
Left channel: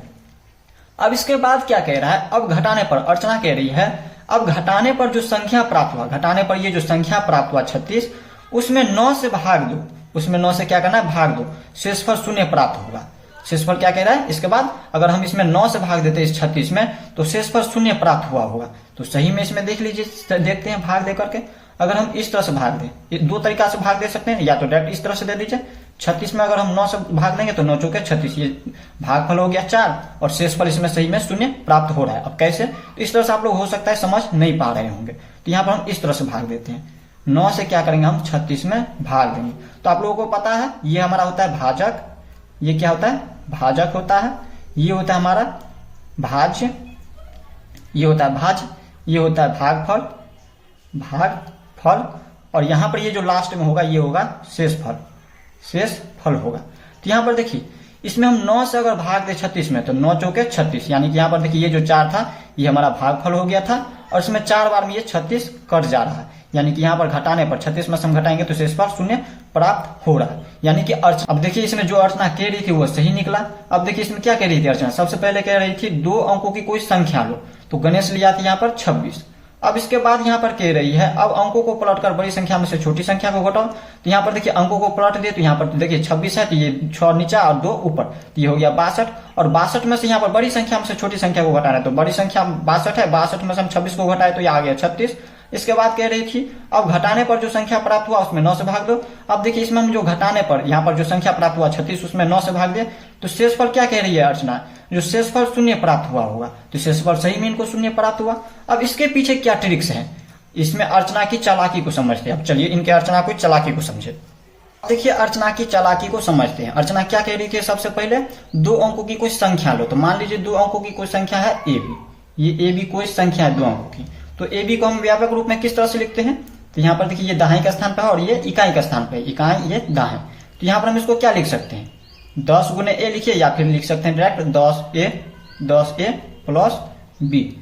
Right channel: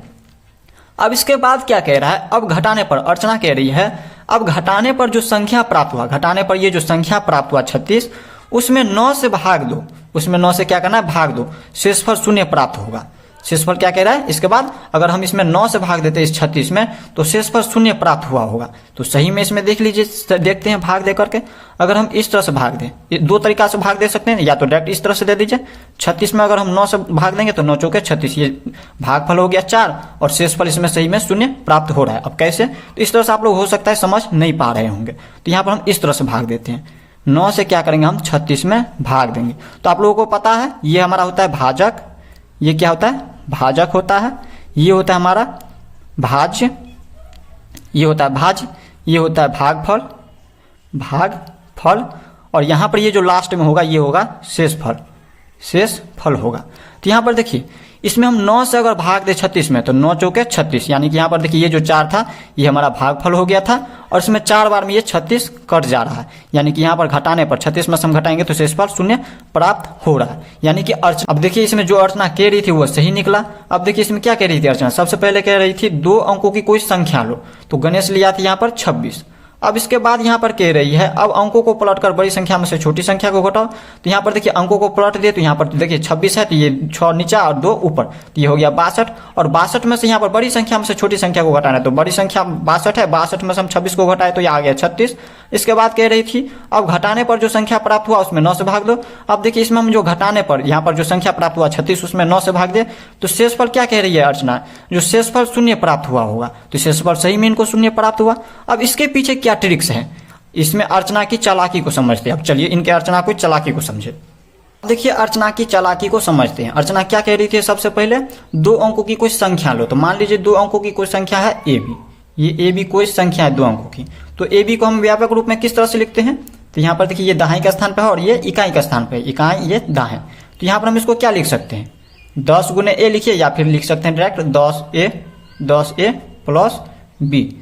अब इसके बाद क्या कह रहा है, अब घटाने पर अर्चना कह रही है अब घटाने पर जो संख्या प्राप्त हुआ, घटाने पर ये जो संख्या प्राप्त हुआ 36, उसमें 9 से भाग दो, उसमें 9 से क्या करना है भाग दो, शेषफल 0 प्राप्त होगा। शेषफल क्या कह रहा है, इसके बाद अगर हम इसमें 9 से भाग देते हैं इस 36 में तो शेषफल 0 प्राप्त हुआ होगा। तो सही में इसमें देख लीजिए, देखते हैं भाग दे करके। अगर हम इस तरह से भाग दें, 2 तरीका से भाग दे सकते हैं, या तो डायरेक्ट इस तरह से दे दीजिए। 36 में अगर हम 9 से भाग देंगे तो 9 चौके 36, ये भागफल हो गया 4 और शेषफल इसमें सही में 0 प्राप्त हो रहा है। अब कैसे, तो इस तरह से आप लोग हो सकता है समझ नहीं पा रहे होंगे, तो यहाँ पर हम इस तरह से भाग देते हैं। 9 से क्या करेंगे हम 36 में भाग देंगे। तो आप लोगों को पता है ये हमारा होता है भाजक, ये क्या होता है, भाजक होता है, ये होता है हमारा भाज्य, ये होता है भाज्य, ये होता है भागफल, भागफल, और यहां पर ये जो लास्ट में होगा ये होगा शेषफल, शेषफल होगा। तो यहां पर देखिए इसमें हम 9 से अगर भाग दे 36 में तो 9 चौके 36, यानी कि यहाँ पर देखिए ये जो 4 था ये हमारा भागफल हो गया था और इसमें 4 बार में ये 36 कट जा रहा है, यानी कि यहाँ पर घटाने पर 36 में से हम घटाएंगे तो शेषफल 0 प्राप्त हो रहा है, यानी कि अर्चना। अब देखिए इसमें जो अर्चना कह रही थी वो सही निकला। अब देखिए इसमें क्या कह रही थी अर्चना, सबसे पहले कह रही थी 2 अंकों की कोई संख्या लो, तो गणेश लिया था यहाँ पर 26। अब इसके बाद यहाँ पर कह रही है अब अंकों को पलटकर बड़ी संख्या में से छोटी संख्या को घटाओ। तो यहाँ पर देखिए अंकों को पलट दिए तो यहाँ पर देखिए 26 है तो ये 6 नीचा और 2 ऊपर, तो ये हो गया 62, और 62 में से यहाँ पर बड़ी संख्या में से छोटी संख्या को घटाना है, तो बड़ी संख्या 62 है, 62 में से हम 26 को घटाए तो ये आ गया 36। इसके बाद कह रही थी अब घटाने पर जो संख्या प्राप्त हुआ उसमें 9 से भाग दो। अब देखिए इसमें हम जो घटाने पर यहाँ पर जो संख्या प्राप्त हुआ 36 उसमें 9 से भाग दे तो शेषफल क्या कह रही है अर्चना, जो शेषफल 0 प्राप्त हुआ होगा, तो शेषफल सही में इनको 0 प्राप्त हुआ। अब इसके पीछे क्या ट्रिक्स है, इसमें अर्चना की चालाकी को समझते हैं। अब चलिए इनके अर्चना की चालाकी को समझे। देखिए अर्चना की चालाकी को समझते हैं। अर्चना क्या कह रही थी, सबसे पहले 2 अंकों की कोई संख्या लो, तो मान लीजिए 2 अंकों की कोई संख्या है ए बी, ये ए बी कोई संख्या है 2 अंकों की, तो ए बी को हम व्यापक रूप में किस तरह से लिखते हैं, तो यहाँ पर देखिए ये दाहिने के स्थान पर है और ये इकाई के स्थान पर, इकाई ये दाएं, तो यहाँ पर हम इसको क्या लिख सकते हैं 10 गुने ए लिखिए, या फिर लिख सकते हैं डायरेक्ट 10a प्लस बी,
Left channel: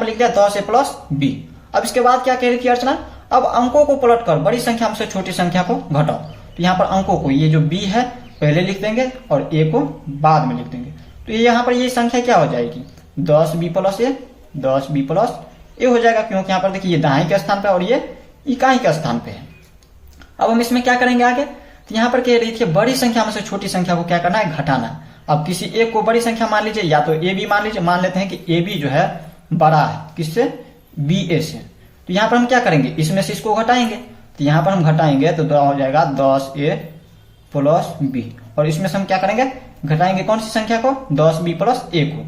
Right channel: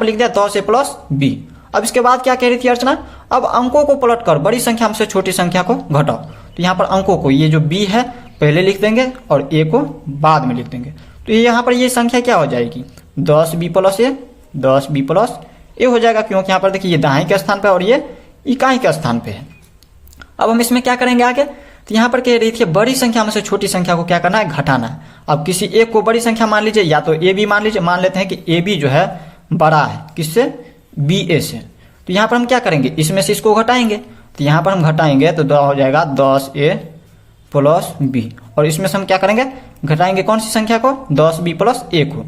लिख दिया 10a प्लस बी। अब इसके बाद क्या कह रही थी अर्चना, अब अंकों को पलटकर बड़ी संख्या में से छोटी संख्या को घटाओ, तो यहाँ पर अंकों को ये जो b है पहले लिख देंगे और a को बाद में लिख देंगे, तो यहाँ पर ये संख्या क्या हो जाएगी 10b plus a, 10b plus a हो जाएगा, क्योंकि यहाँ पर देखिए ये दाएं के स्थान पे और ये इकाई के स्थान पे है। अब हम इसमें क्या करेंगे आगे, तो यहाँ पर कह रही थी बड़ी संख्या में से छोटी संख्या को क्या करना है, घटाना है। अब किसी एक को बड़ी संख्या मान लीजिए, या तो ए बी मान लीजिए, मान लेते हैं कि ए बी जो है बड़ा है किससे, बी ए से, तो यहाँ पर हम क्या करेंगे इसमें से इसको घटाएंगे, तो यहाँ पर हम घटाएंगे तो हो जाएगा 10a प्लस बी, और इसमें से हम क्या करेंगे घटाएंगे कौन सी संख्या को, 10b प्लस a को,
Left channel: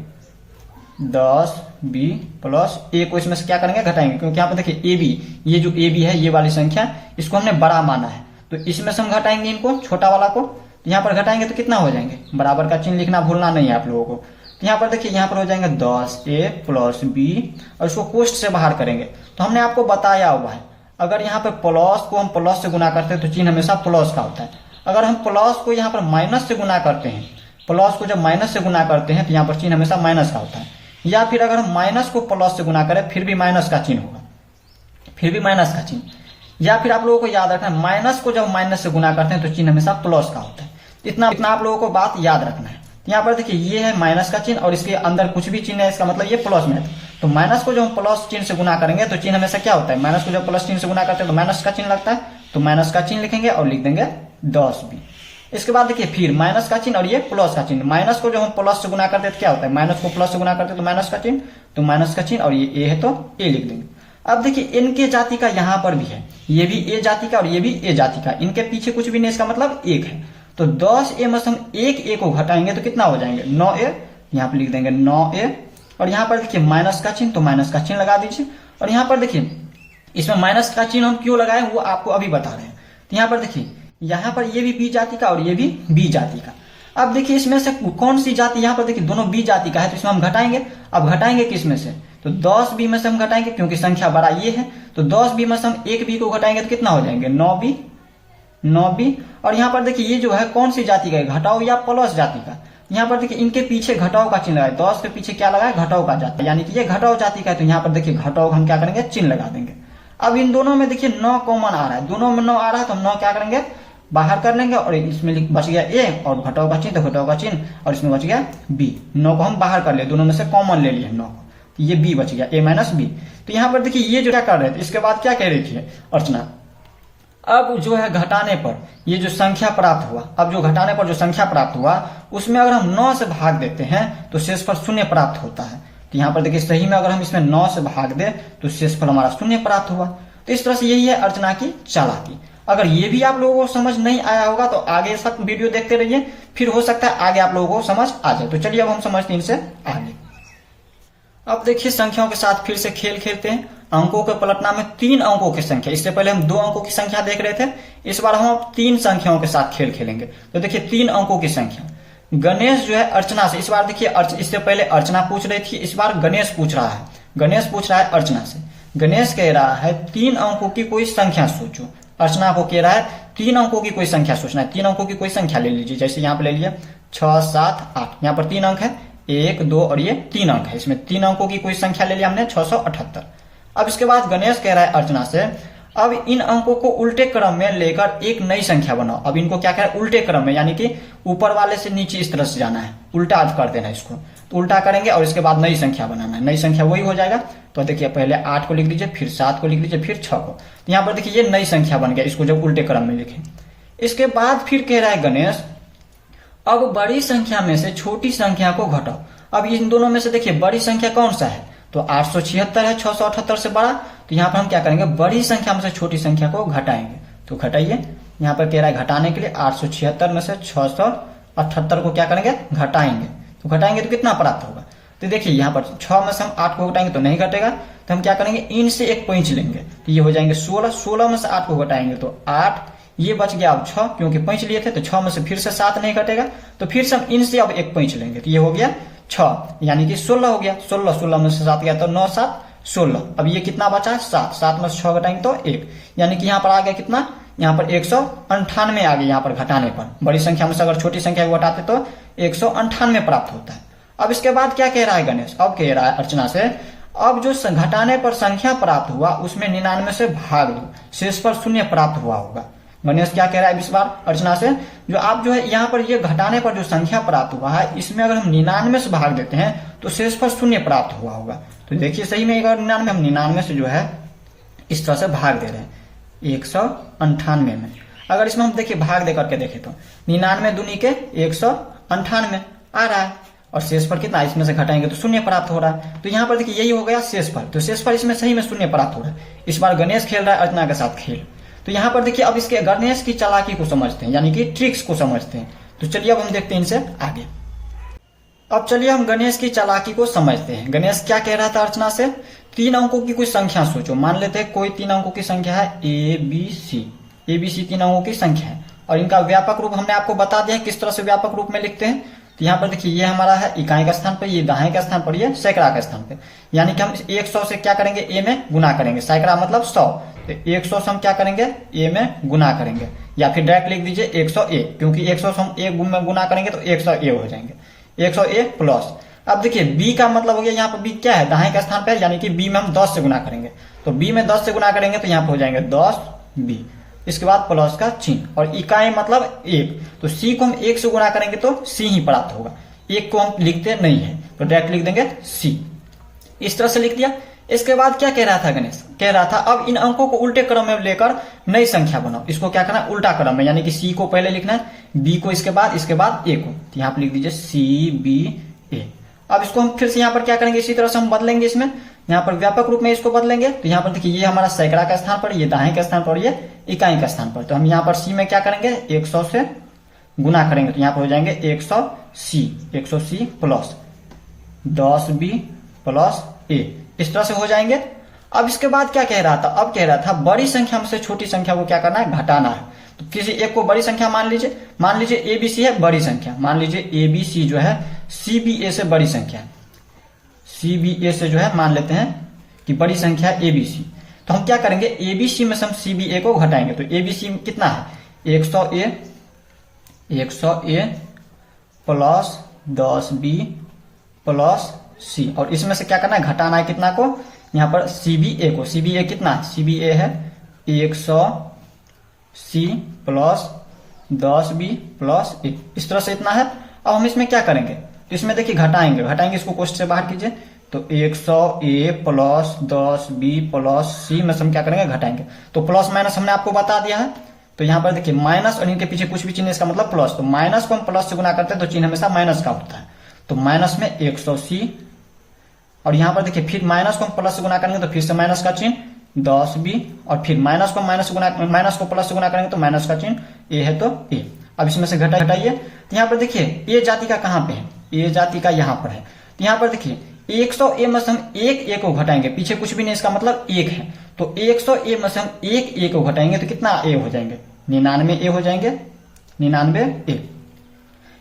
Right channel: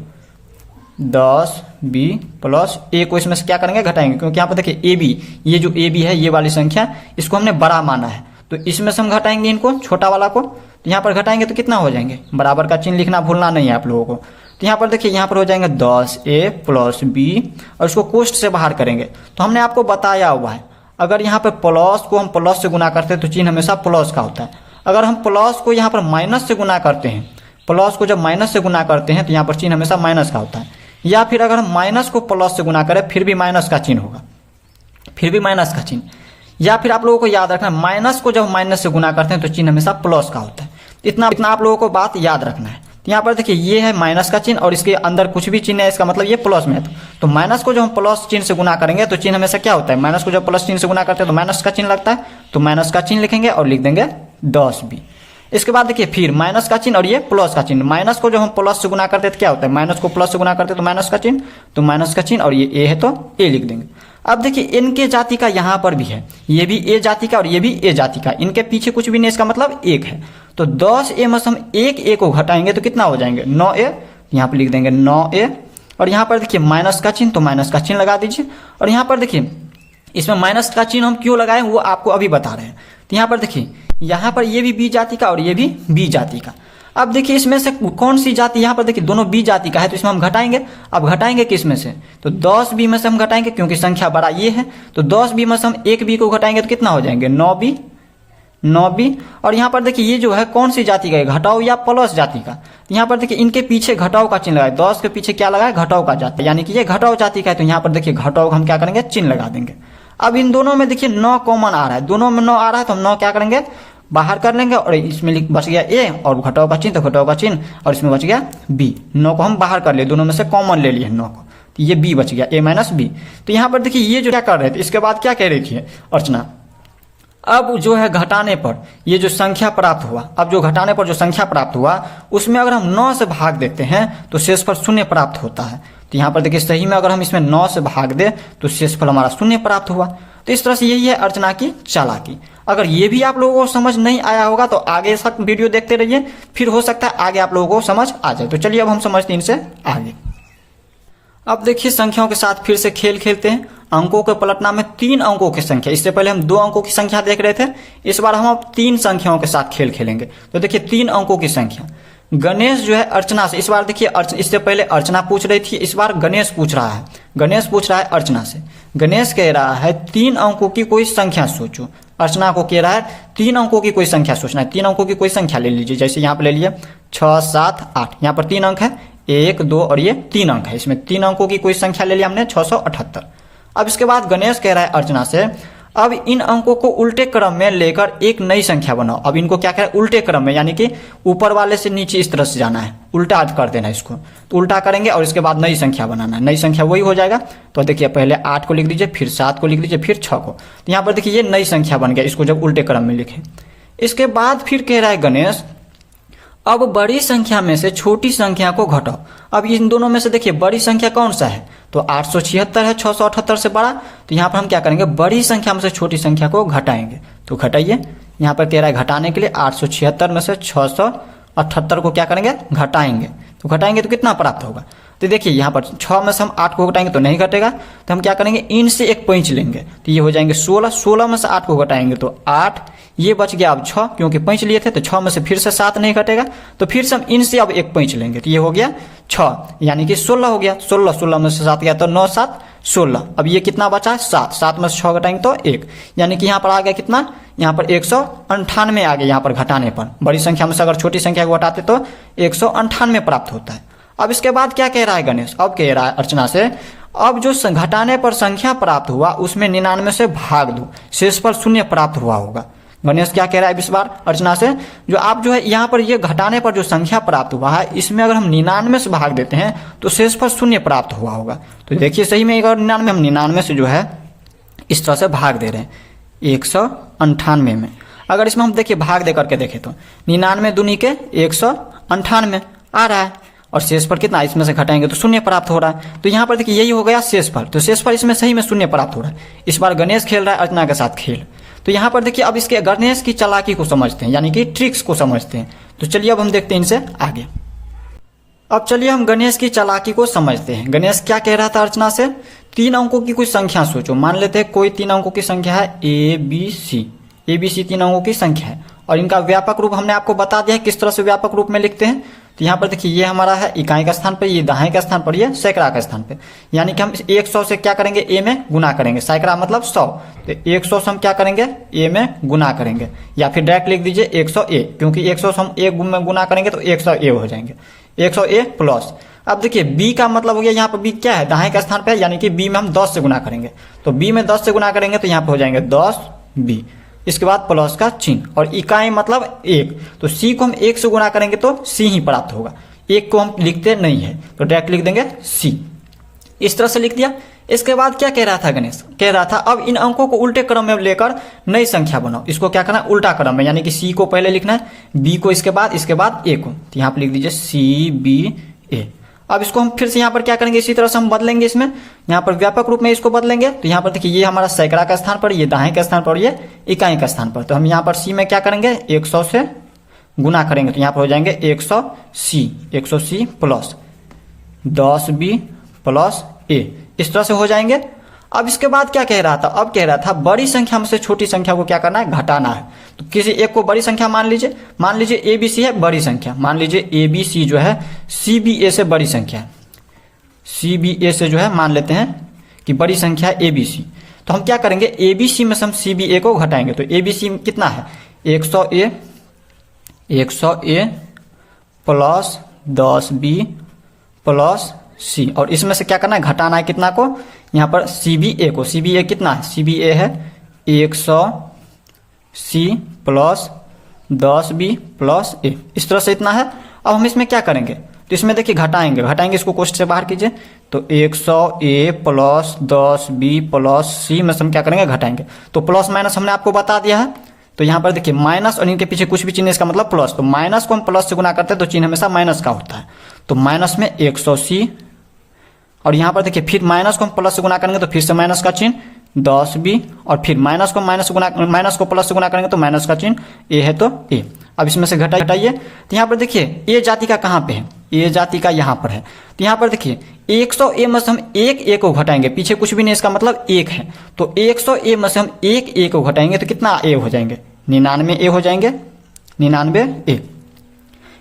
10b प्लस a को इसमें से क्या करेंगे घटाएंगे, क्योंकि यहाँ पर देखिए ए बी, ये जो ए बी है ये वाली संख्या इसको हमने बड़ा माना है, तो इसमें से हम घटाएंगे इनको छोटा वाला को, तो यहाँ पर घटाएंगे तो कितना हो जाएंगे, बराबर का चिन्ह लिखना भूलना नहीं है आप लोगों को। तो यहाँ पर देखिए यहाँ पर हो जाएंगे 10a प्लस b, और इसको कोष्ठ से बाहर करेंगे, तो हमने आपको बताया हुआ है अगर यहाँ पर प्लस को हम प्लस से गुना करते हैं तो चिन्ह हमेशा प्लस का होता है, अगर हम प्लस को यहाँ पर माइनस से गुना करते हैं, प्लस को जब माइनस से गुना करते हैं तो यहाँ पर चिन्ह हमेशा माइनस का होता है, या फिर अगर हम माइनस को प्लस से गुना करें फिर भी माइनस का चिन्ह होगा, फिर भी माइनस का चिन्ह, या फिर आप लोगों को याद रखना माइनस को जब माइनस से गुना करते हैं तो चिन्ह हमेशा प्लस का होता है। इतना आप लोगों को बात याद रखना है। तो यहाँ पर देखिए ये है माइनस का चिन्ह और इसके अंदर कुछ भी चिन्ह है इसका मतलब ये प्लस में है, तो माइनस को जब हम प्लस चिन्ह से गुना करेंगे तो चिन्ह हमेशा क्या होता है, माइनस को जब प्लस चिन्ह से गुना करते हैं तो माइनस का चिन्ह लगता है, तो माइनस का चिन्ह लिखेंगे और लिख देंगे 10b। इसके बाद देखिए फिर माइनस का चिन्ह और ये प्लस का चिन्ह, माइनस को जब हम प्लस से गुना करते हैं तो क्या होता है, माइनस को प्लस से गुना करते हैं तो माइनस का चिन्ह, तो माइनस का चिन्ह, और ये ए है तो ए लिख देंगे। अब देखिए इनके जाति का यहाँ पर भी है, ये भी ए जाति का और ये भी ए जाति का, इनके पीछे कुछ भी नहीं, इसका मतलब 1 है, तो 10a में से हम 1a को घटाएंगे तो कितना हो जाएंगे 9a, यहाँ पर लिख देंगे 9a, और यहाँ पर देखिए माइनस का चिन्ह, तो माइनस का चिन्ह लगा दीजिए, और यहाँ पर देखिए इसमें माइनस का चिन्ह हम क्यों लगाए वो आपको अभी बता रहे हैं। तो यहाँ पर देखिए यहाँ पर ये भी बी जाति का और ये भी बी जाति का। अब देखिए इसमें से कौन सी जाति, यहाँ पर देखिए दोनों बी जाति का है तो इसमें हम घटाएंगे। अब घटाएंगे किस में से, तो 10b में से हम घटाएंगे क्योंकि संख्या बड़ा ये है, तो 10b में से हम 1b को घटाएंगे तो कितना हो जाएंगे 9b। और यहाँ पर देखिए ये जो है कौन सी जाति का है, घटाओ या प्लस जाति का। यहाँ पर देखिए इनके पीछे घटाओ का चिन्ह लगाए, 10 के पीछे क्या लगाए घटाओ का जाति, यानी कि ये घटाओ जाति का है, तो यहाँ पर देखिए घटाओ हम क्या करेंगे चिन्ह लगा देंगे। अब इन दोनों में देखिए 9 कॉमन आ रहा है, दोनों में 9 आ रहा है तो हम 9 क्या करेंगे बाहर कर लेंगे, और इसमें बच गया a और घटाओ का चिन्ह, तो घटाओ का चिन्ह, और इसमें बच गया b। 9 को हम बाहर कर लिए, दोनों में से कॉमन ले लिए 9 को, तो ये b बच गया a माइनस b। तो यहाँ पर देखिए ये जो क्या कर रहे थे, इसके बाद क्या कह रही थी अर्चना, अब जो है घटाने पर ये जो संख्या प्राप्त हुआ, अब जो घटाने पर जो संख्या प्राप्त हुआ उसमें अगर हम 9 से भाग देते हैं तो शेषफल शून्य प्राप्त होता है। तो यहाँ पर देखिए सही में अगर हम इसमें 9 से भाग दे तो शेषफल हमारा शून्य प्राप्त हुआ। तो इस तरह से यही है अर्चना की चालाकी। अगर ये भी आप लोगों को समझ नहीं आया होगा तो आगे सब वीडियो देखते रहिए, फिर हो सकता है आगे आप लोगों को समझ आ जाए। तो चलिए अब हम समझते हैं इनसे आगे। अब देखिए संख्याओं के साथ फिर से खेल खेलते हैं। अंकों के पलटना में 3 अंकों की संख्या, इससे पहले हम 2 अंकों की संख्या देख रहे थे, इस बार हम अब 3 संख्याओं के साथ खेल खेलेंगे। तो देखिए 3 अंकों की संख्या, गणेश जो है अर्चना से, इस बार देखिए इससे पहले अर्चना पूछ रही थी, इस बार गणेश पूछ रहा है। गणेश पूछ रहा है अर्चना से। गणेश कह रहा है 3 अंकों की कोई संख्या सोचो। अर्चना को कह रहा है 3 अंकों की कोई संख्या सोचना है। 3 अंकों की कोई संख्या ले लीजिए, जैसे यहाँ पर ले लिए 6, 7, 8। यहाँ पर 3 अंक है, 1, 2 और ये 3 अंक है। इसमें 3 अंकों की कोई संख्या ले लिया हमने 678। अब इसके बाद गणेश कह रहा है अर्चना से अब इन अंकों को उल्टे क्रम में लेकर एक नई संख्या बनाओ। अब इनको क्या करें, उल्टे क्रम में, यानी कि ऊपर वाले से नीचे इस तरह से जाना है, उल्टा कर देना है इसको। तो उल्टा करेंगे और इसके बाद नई संख्या बनाना है। नई संख्या वही हो जाएगा। तो देखिए पहले 8 को लिख दीजिए, फिर 7 को लिख दीजिए, फिर 6 को। तो यहाँ पर देखिए ये नई संख्या बन गया, इसको जब उल्टे क्रम में लिखे। इसके बाद फिर कह रहा है गणेश अब बड़ी संख्या में से छोटी संख्या को घटाओ। अब इन दोनों में से देखिए बड़ी संख्या कौन सा है, तो 876 है 678 से बड़ा। तो यहाँ पर हम क्या करेंगे, बड़ी संख्या में से छोटी संख्या को घटाएंगे। तो घटाइए, यहाँ पर कह रहा है घटाने के लिए 876 में से 678 को क्या करेंगे, घटाएंगे। तो घटाएंगे तो कितना प्राप्त होगा, तो देखिए यहाँ पर 6 में से हम 8 को घटाएंगे तो नहीं घटेगा। तो हम क्या करेंगे, इन से एक पैंच लेंगे, तो ये हो जाएंगे 16। 16 में से 8 को घटाएंगे तो 8, ये बच गया अब 6, क्योंकि पैंच लिए थे। तो 6 में से फिर से 7 नहीं घटेगा, तो फिर से हम इनसे अब एक पैंच लेंगे, तो ये हो गया 6, यानी कि 16 हो गगया। 16 में से 7 गया तो 9, 7, 16। अब ये कितना बचा, 7। 7 में से 6 घटाएंगे तो 1, यानी कि यहाँ पर आ गया कितना, यहाँ पर 198 आ गया। यहाँ पर घटाने पर बड़ी संख्या में से अगर छोटी संख्या को घटाते तो 198 प्राप्त होता है। अब इसके बाद क्या कह रहा है गणेश, अब कह रहा है अर्चना से अब जो घटाने पर संख्या प्राप्त हुआ उसमें 99 से भाग दो, शेषफल शून्य प्राप्त हुआ होगा। गणेश क्या कह रहा है इस बार अर्चना से, जो आप जो है यहाँ पर ये घटाने पर जो संख्या प्राप्त हुआ है इसमें अगर हम 99 से भाग देते हैं तो शेषफल शून्य प्राप्त हुआ होगा। तो देखिए सही में अगर 99 हम 99 से जो है इस तरह से भाग दे रहे हैं 198 में। अगर इसमें हम देखिए भाग दे करके देखें तो 99 दूनी के 198 आ रहा है, और शेषफल कितना, इसमें से घटाएंगे तो शून्य प्राप्त हो रहा है। तो यहाँ पर देखिए यही हो गया शेषफल। तो शेषफल इसमें सही में शून्य प्राप्त हो रहा है। इस बार गणेश खेल रहा है अर्चना के साथ खेल। तो यहाँ पर देखिए अब इसके गणेश की चालाकी को समझते हैं, यानी कि ट्रिक्स को समझते हैं। तो चलिए अब हम देखते हैं इनसे आगे। अब चलिए हम गणेश की चालाकी को समझते हैं। गणेश क्या कह रहा था अर्चना से, 3 अंकों की कोई संख्या सोचो। मान लेते हैं कोई 3 अंकों की संख्या है ABC। ABC 3 अंकों की संख्या है, और इनका व्यापक रूप हमने आपको बता दिया है किस तरह से व्यापक रूप में लिखते हैं। तो यहाँ पर देखिए ये हमारा है इकाई के स्थान पर, ये दहाई के स्थान पर, ये सैकड़ा के स्थान पे, यानी कि हम 100 से क्या करेंगे, ए में गुना करेंगे। सैकड़ा मतलब 100, तो 100 से हम क्या करेंगे, ए में गुना करेंगे, या फिर डायरेक्ट लिख दीजिए 100A, क्योंकि 100 से हम ए में गुना करेंगे तो 100A हो जाएंगे, 100A प्लस। अब देखिए बी का मतलब हो गया, यहाँ पर बी क्या है, दाएं के स्थान पे, यानी कि बी में हम 10 से गुना करेंगे। तो बी में 10 से गुना करेंगे तो यहाँ पे हो जाएंगे 10B, इसके बाद प्लस का चिन्ह, और इकाई मतलब 1। तो सी को हम 1 से गुना करेंगे तो सी ही प्राप्त होगा। 1 को हम लिखते नहीं है तो डायरेक्ट लिख देंगे सी। इस तरह से लिख दिया। इसके बाद क्या कह रहा था गणेश, कह रहा था अब इन अंकों को उल्टे क्रम में लेकर नई संख्या बनाओ। इसको क्या करना है, उल्टा क्रम में, यानी कि सी को पहले लिखना है, बी को इसके बाद ए को। तो यहाँ पे लिख दीजिए CBA। अब इसको हम फिर से यहाँ पर क्या करेंगे, इसी तरह से हम बदलेंगे। इसमें यहाँ पर व्यापक रूप में इसको बदलेंगे। तो यहाँ पर देखिए ये हमारा सैकड़ा का स्थान पर, ये दाएं के स्थान पर, ये इकाई का स्थान पर। तो हम यहाँ पर सी में क्या करेंगे, 100 से गुना करेंगे। तो यहाँ पर हो जाएंगे 100C plus 10B plus A, इस तरह से हो जाएंगे। अब इसके बाद क्या कह रहा था, अब कह रहा था बड़ी संख्या में से छोटी संख्या को क्या करना है, घटाना है। तो किसी एक को बड़ी संख्या मान लीजिए ABC है बड़ी संख्या, मान लीजिए ABC जो है CBA से बड़ी संख्या है, CBA से जो है मान लेते हैं कि बड़ी संख्या है ABC। तो हम क्या करेंगे, ABC में से हम CBA को घटाएंगे। तो ABC कितना है, 100A plus 10B plus C, और इसमें से क्या करना है, घटाना है कितना को, यहाँ पर CBA को। CBA कितना है, CBA है 100C plus 10B plus A, इस तरह से इतना है। अब हम इसमें क्या करेंगे, तो तो इसमें देखिए घटाएंगे इसको कोष्ठ से बाहर कीजिए, तो 100a plus 10b plus c में से हम क्या करेंगे घटाएंगे। तो प्लस माइनस हमने आपको बता दिया है। तो यहाँ पर देखिए माइनस और इनके पीछे कुछ भी चिन्ह इसका मतलब प्लस, तो माइनस को हम प्लस से गुना करते हैं तो चिन्ह हमेशा माइनस का होता है। तो माइनस में 100c, और यहाँ पर देखिए फिर माइनस को हम प्लस से गुना करेंगे तो फिर से माइनस का चिन्ह 10b, और फिर माइनस को प्लस से गुना करेंगे तो माइनस का चिन्ह a है तो a। अब इसमें से घटाइए, तो यहाँ पर देखिए a जाति का कहाँ पे है, a जाति का यहाँ पर है। तो यहाँ पर देखिए 100a में से हम एक a को घटाएंगे, पीछे कुछ भी नहीं इसका मतलब 1 है। तो 100a में से हम एक a को घटाएंगे तो कितना a हो जाएंगे, 99a हो जाएंगे, 99a।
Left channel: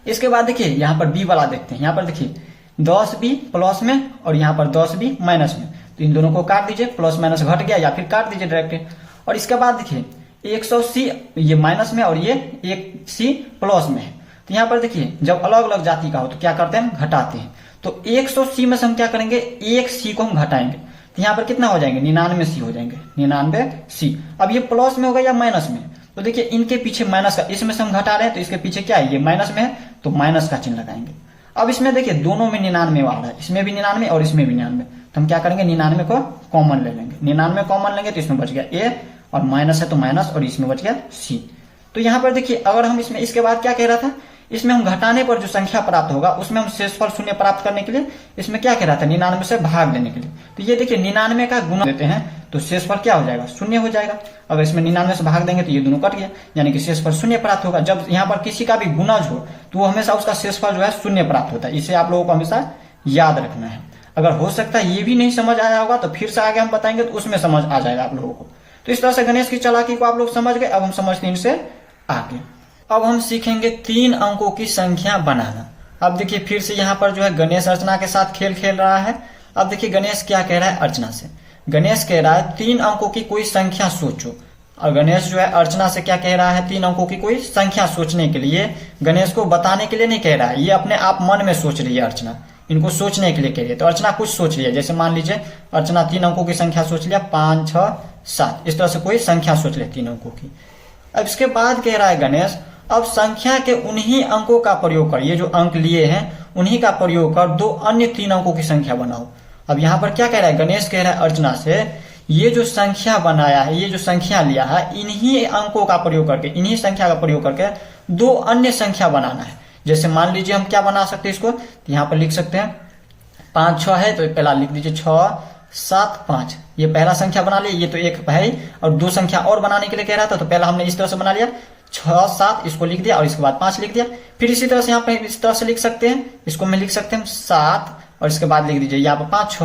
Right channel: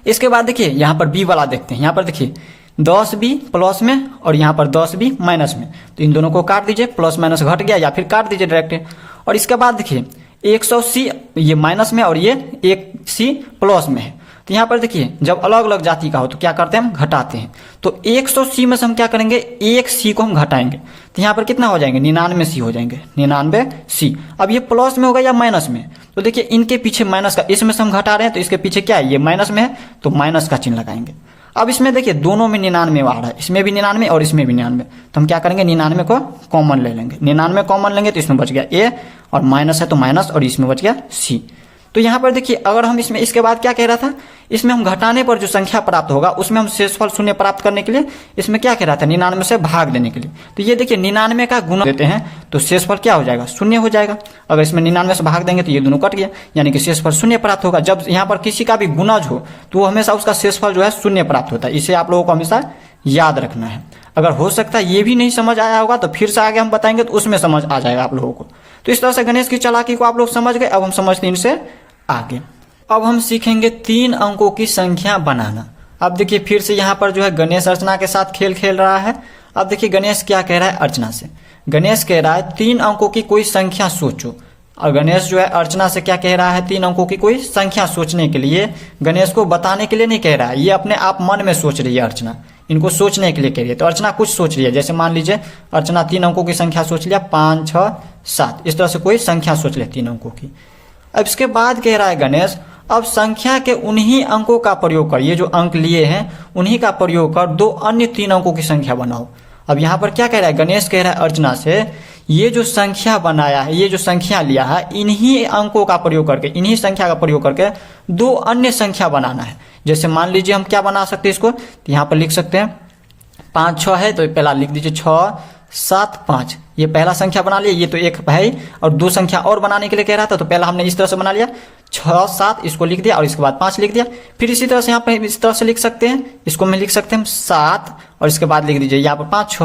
इसके बाद देखिए यहाँ पर b वाला देखते हैं। यहाँ पर देखिए 10b प्लस में और यहाँ पर 10b माइनस में, तो इन दोनों को काट दीजिए, प्लस माइनस घट गया या फिर काट दीजिए डायरेक्ट। और इसके बाद देखिए 100c ये माइनस में और ये 1c प्लस में है। तो यहाँ पर देखिए जब अलग अलग जाति का हो तो क्या करते हैं, हम घटाते हैं। तो 100c में से हम क्या करेंगे, 1c को हम घटाएंगे, तो यहाँ पर कितना हो जाएंगे, 99c हो जाएंगे, 99c। अब ये प्लस में होगा या माइनस में, तो देखिए इनके पीछे माइनस का, इसमें से हम घटा रहे हैं तो इसके पीछे क्या है, ये माइनस में है तो माइनस का चिन्ह लगाएंगे। अब इसमें देखिए दोनों में 99 आ रहा है, इसमें भी 99 और इसमें भी 99, तो हम क्या करेंगे 99 को कॉमन ले लेंगे, 99 कॉमन लेंगे तो इसमें बच गया a, और माइनस है तो माइनस, और इसमें बच गया c। तो यहाँ पर देखिए अगर हम इसमें, इसके बाद क्या कह रहा था, इसमें हम घटाने पर जो संख्या प्राप्त होगा उसमें हम शेषफल शून्य प्राप्त करने के लिए इसमें क्या कह रहा था, 99 से भाग देने के लिए। तो ये देखिए 99 का गुणा देते हैं तो शेषफल क्या हो जाएगा, शून्य हो जाएगा। अगर इसमें 99 से भाग देंगे तो ये दोनों कट गया, यानी कि शेषफल शून्य प्राप्त होगा। जब यहाँ पर किसी का भी गुणज हो तो वो हमेशा उसका शेषफल जो है शून्य प्राप्त होता है, इसे आप लोगों को हमेशा याद रखना है। अगर हो सकता है ये भी नहीं समझ आया होगा तो फिर से आगे हम बताएंगे तो उसमें समझ आ जाएगा आप लोगों को। तो इस तरह से गणेश की चालाकी को आप लोग समझ गए। अब हम समझते हैं इनसे आगे। अब हम सीखेंगे 3 अंकों की संख्या बनाना। अब देखिए फिर से यहाँ पर जो है गणेश अर्चना के साथ खेल खेल रहा है। अब देखिए गणेश क्या कह रहा है अर्चना से, गणेश कह रहा है 3 अंकों की कोई संख्या सोचो। और गणेश जो है अर्चना से क्या कह रहा है, 3 अंकों की कोई संख्या सोचने के लिए, गणेश को बताने के लिए नहीं कह रहा है, ये अपने आप मन में सोच रही है अर्चना, इनको सोचने के लिए कह रही है। तो अर्चना कुछ सोच रही है, जैसे मान लीजिए अर्चना 3 अंकों की संख्या सोच लिया, 5 6 7, इस तरह से कोई संख्या सोच ले 3 अंकों की। अब इसके बाद कह रहा है गणेश, अब संख्या के उन्हीं अंकों का प्रयोग कर, ये जो अंक लिए हैं उन्हीं का प्रयोग कर 2 अन्य 3 अंकों की संख्या बनाओ। अब यहाँ पर क्या कह रहा है गणेश, कह रहा है अर्चना से ये जो संख्या बनाया है, ये जो संख्या लिया है, इन्हीं अंकों का प्रयोग करके, इन्हीं संख्या का प्रयोग करके 2 अन्य संख्या बनाना है। जैसे मान लीजिए हम क्या बना सकते हैं इसको, तो यहाँ पर लिख सकते हैं 5 6 है तो पहला लिख दीजिए 6 7 5, ये पहला संख्या बना लिया। ये तो एक भाई और 2 संख्या और बनाने के लिए कह रहा था, तो पहला हमने इस तरह से बना लिया 6 7, इसको लिख दिया और इसके बाद 5 लिख दिया। फिर इसी तरह से यहाँ पर इस तरह से लिख सकते हैं, इसको मैं लिख सकते हैं 7 और इसके बाद लिख दीजिए यहाँ पर 5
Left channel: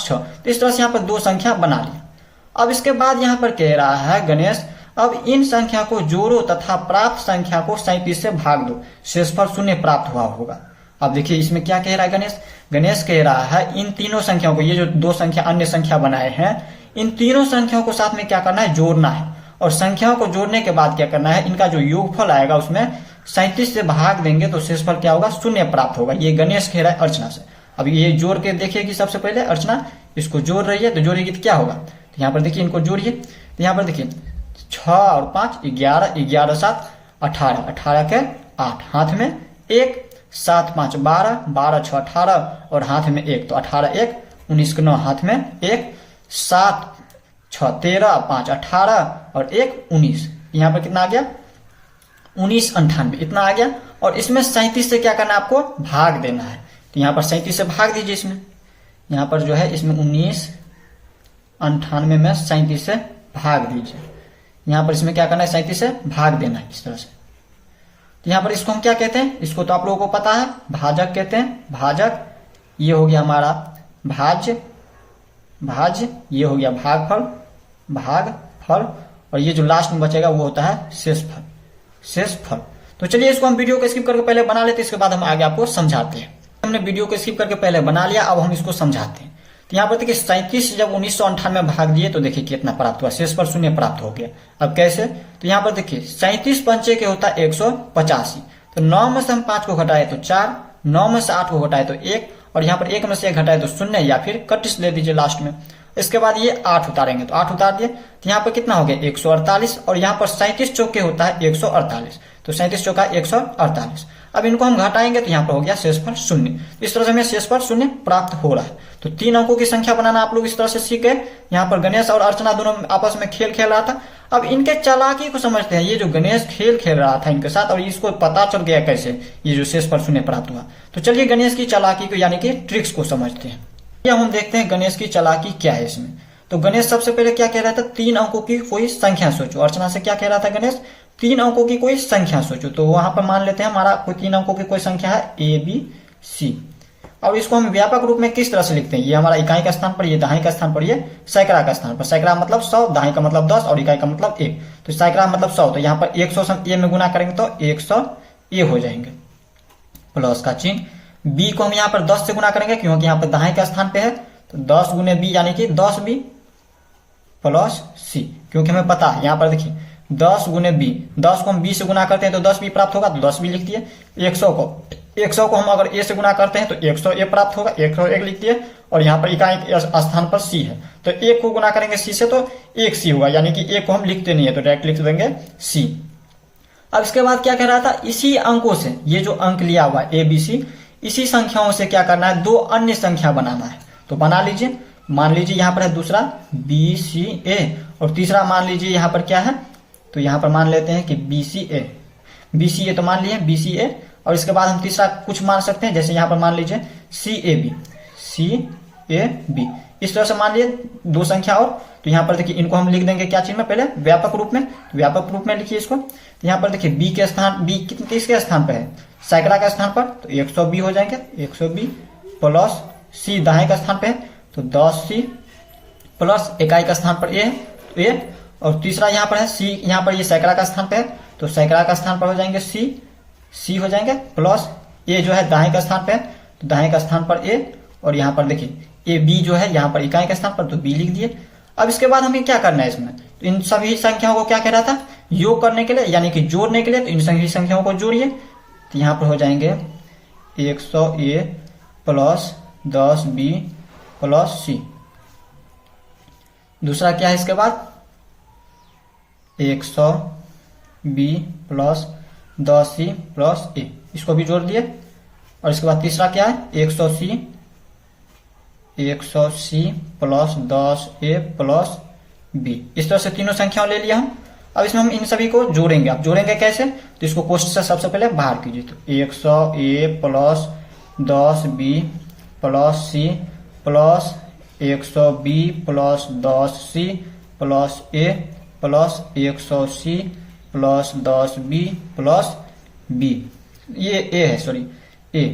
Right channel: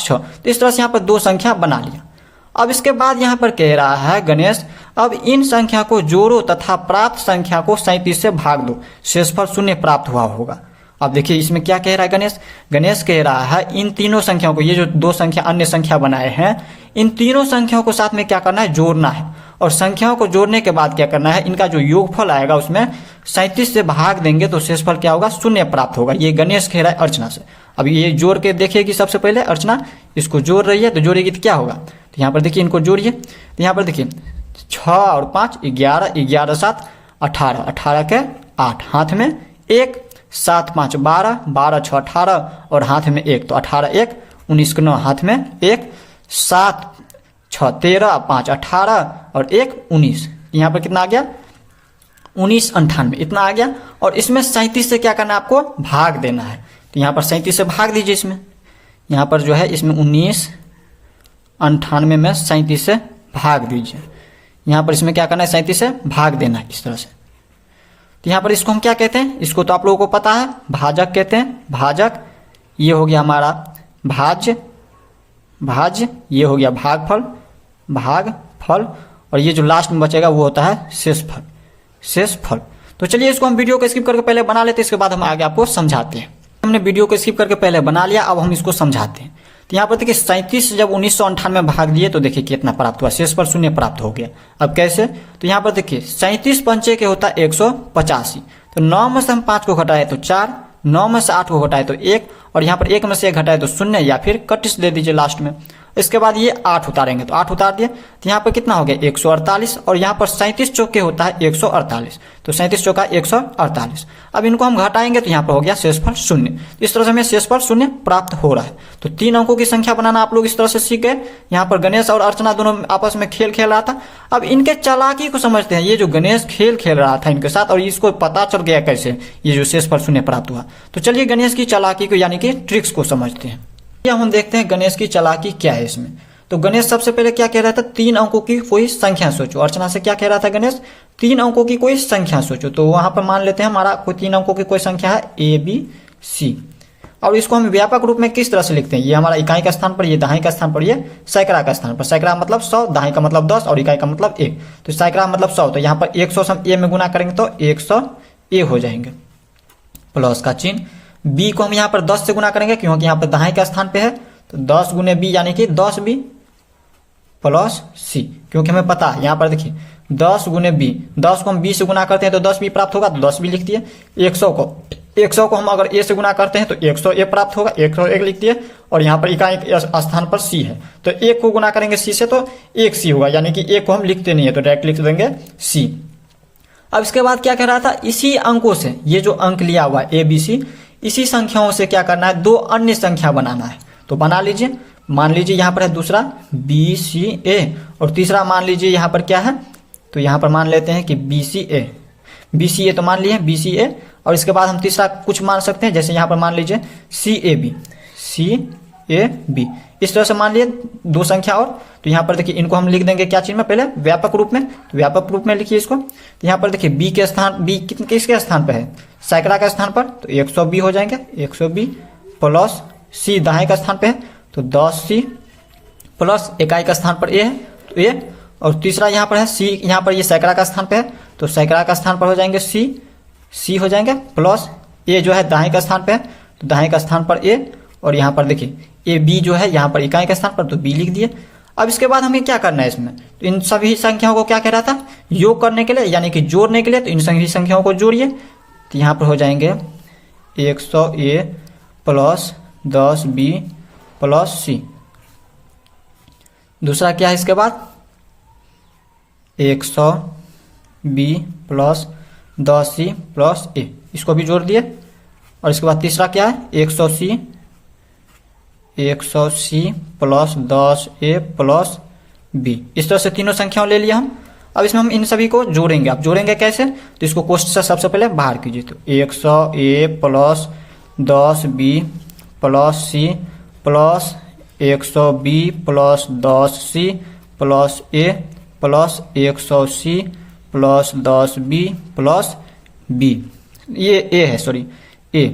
6। तो इस तरह से यहाँ पर 2 संख्या बना लिया। अब इसके बाद यहाँ पर कह रहा है गणेश, अब इन संख्या को जोड़ो तथा प्राप्त संख्या को 37 से भाग दो, शेषफल 0 प्राप्त हुआ होगा। अब देखिए इसमें क्या कह रहा है गणेश, गणेश कह रहा है इन तीनों संख्याओं को, ये जो 2 संख्या अन्य संख्या बनाए हैं, इन तीनों संख्याओं को साथ में क्या करना है, जोड़ना है। और संख्याओं को जोड़ने के बाद क्या करना है, इनका जो योगफल आएगा उसमें 37 से भाग देंगे तो शेषफल क्या होगा, 0 प्राप्त होगा। ये गणेश कह रहा है अर्चना से। अब ये जोड़ के देखिए कि सबसे पहले अर्चना इसको जोड़ रही है, तो जोड़ेगी तो क्या होगा, तो यहाँ पर देखिए इनको जोड़िए। तो यहाँ पर देखिए 6 और 5 11, 11 7 18, 18 के 8, हाथ में 1, 7 5 12, 12 6 18 और हाथ में 1, तो 18 1 19 के 9, हाथ में 1, 7 6 13, 5 18 और 1 19। यहाँ पर कितना आ गया, 19 98, इतना आ गया। और इसमें 37 से क्या करना है, आपको भाग देना है। तो यहाँ पर 37 से भाग दीजिए। इसमें यहाँ पर जो है इसमें 19 98 में 37 से भाग दीजिए। यहाँ पर इसमें क्या करना है, 37 से भाग देना है इस तरह से। तो यहाँ पर इसको हम क्या कहते हैं, इसको तो आप लोगों को पता है, भाजक कहते हैं, भाजक। ये हो गया हमारा भाज्य, ये हो गया भागफल, और ये जो लास्ट में बचेगा वो होता है शेषफल। तो चलिए इसको हम वीडियो को स्किप करके पहले बना लेते हैं, इसके बाद हम आगे आपको समझाते हैं। हमने वीडियो को स्किप करके पहले बना लिया, अब हम इसको समझाते हैं। तो यहाँ पर देखिए 37 जब 1998 में भाग दिए तो देखिए कितना प्राप्त हुआ, शेषफल 0 प्राप्त हो गया। अब कैसे, तो यहाँ पर देखिए 37 पंचे के होता है 185, तो 9 में से हम 5 को घटाए तो 4, 9 में से 8 को घटाए तो 1, और यहाँ पर 1 में से 1 घटाए तो 0 या फिर 31 दे दीजिए लास्ट में। इसके बाद ये 8 उतारेंगे तो 8 उतार दिए, तो यहाँ पर कितना हो गया 148, और यहाँ पर 37 चौके होता है 148, तो 37 चौका 148। अब इनको हम घटाएंगे तो यहाँ पर हो गया शेषफल 0। तो इस तरह से हमें शेषफल 0 प्राप्त हो रहा है। तो 3 अंकों की संख्या बनाना आप लोग इस तरह से सीख गए। यहाँ पर गणेश और अर्चना दोनों आपस में खेल खेल रहा था। अब इनके चालाकी को समझते हैं। ये जो गणेश खेल खेल रहा था इनके साथ और इसको पता चल गया कैसे ये जो शेषफल 0 प्राप्त हुआ। तो चलिए गणेश की चालाकी को यानी कि ट्रिक्स को समझते हैं। हम देखते हैं गणेश की चालाकी क्या है इसमें। तो गणेश सबसे पहले क्या कह रहा था, 3 अंकों की कोई संख्या सोचो। अर्चना से क्या कह रहा था गणेश, 3 अंकों की कोई संख्या सोचो। तो वहां पर मान लेते हैं हमारा कोई 3 अंकों की कोई संख्या है ABC, और इसको हम व्यापक रूप में किस तरह से लिखते हैं, ये हमारा इकाई का स्थान पर, ये दहाई का स्थान पर, ये सैकड़ा का स्थान पर। सैकड़ा मतलब 100, दहाई का मतलब 10 और इकाई का मतलब 1। तो सैकड़ा मतलब 100, तो यहाँ पर 100 से हम A में गुना करेंगे तो 100A हो जाएंगे, प्लस का चिन्ह। B को हम यहाँ पर 10 से गुना करेंगे क्योंकि यहाँ पर दहाई का स्थान पे है, तो 10 गुने B यानी कि 10B प्लस C, क्योंकि हमें पता है यहाँ पर देखिए 10 गुने B, 10 को हम B से गुना करते हैं तो 10B प्राप्त होगा, तो 10B लिख दिए। 100 को हम अगर A से गुना करते हैं तो 100A प्राप्त होगा, 101 लिख दिए। और यहाँ पर इकाई के स्थान पर C है, तो 1 को गुना करेंगे C से तो 1C होगा, यानी कि 1 को हम लिखते नहीं है तो डायरेक्ट लिख देंगे C। अब इसके बाद क्या कह रहा था, इसी अंकों से ये जो अंक लिया हुआ है ABC, इसी संख्याओं से क्या करना है, 2 अन्य संख्या बनाना है। तो बना लीजिए। मान लीजिए यहाँ पर है दूसरा BCA और तीसरा मान लीजिए यहाँ पर क्या है, तो यहाँ पर मान लेते हैं कि BCA तो मान लिए BCA, और इसके बाद हम तीसरा कुछ मान सकते हैं, जैसे यहाँ पर मान लीजिए CAB। इस तरह से मान लिए 2 संख्या और। तो यहाँ पर देखिए इनको हम लिख देंगे क्या चीज में, पहले व्यापक रूप में। तो व्यापक रूप में लिखिए इसको। तो यहाँ पर देखिए B के स्थान, B किसके स्थान पर है, सैकड़ा का स्थान पर, तो 100B हो जाएंगे, 100B प्लस C दहाई का स्थान पे है तो 10C प्लस इकाई का स्थान पर A है तो A, और तीसरा यहाँ पर है C, यहाँ पर ये सैकड़ा का स्थान पे है तो सैकड़ा का स्थान पर हो जाएंगे C हो जाएंगे, प्लस A जो है दहाई का स्थान पे है तो दहाई का स्थान पर A, और यहाँ पर देखिए AB जो है यहाँ पर इकाई का स्थान पर तो B लिख दिए। अब इसके बाद हमें क्या करना है इसमें, तो इन सभी संख्याओं को क्या कह रहा था, योग करने के लिए यानी कि जोड़ने के लिए। तो इन सभी संख्याओं को जोड़िए, तो यहाँ पर हो जाएंगे 100A plus 10B plus C। दूसरा क्या है इसके बाद 100B plus 10C plus A, इसको भी जोड़ दिए। और इसके बाद तीसरा क्या है 100C plus 10A plus B। इस तरह से तीनों संख्याओं ले लिया हम। अब इसमें हम इन सभी को जोड़ेंगे। अब जोड़ेंगे कैसे, तो इसको कोष्ठ से सबसे पहले बाहर कीजिए। तो 100A plus 10B plus C plus 100B plus 10C plus A plus 100C plus 10B plus B, ये A है, सॉरी A।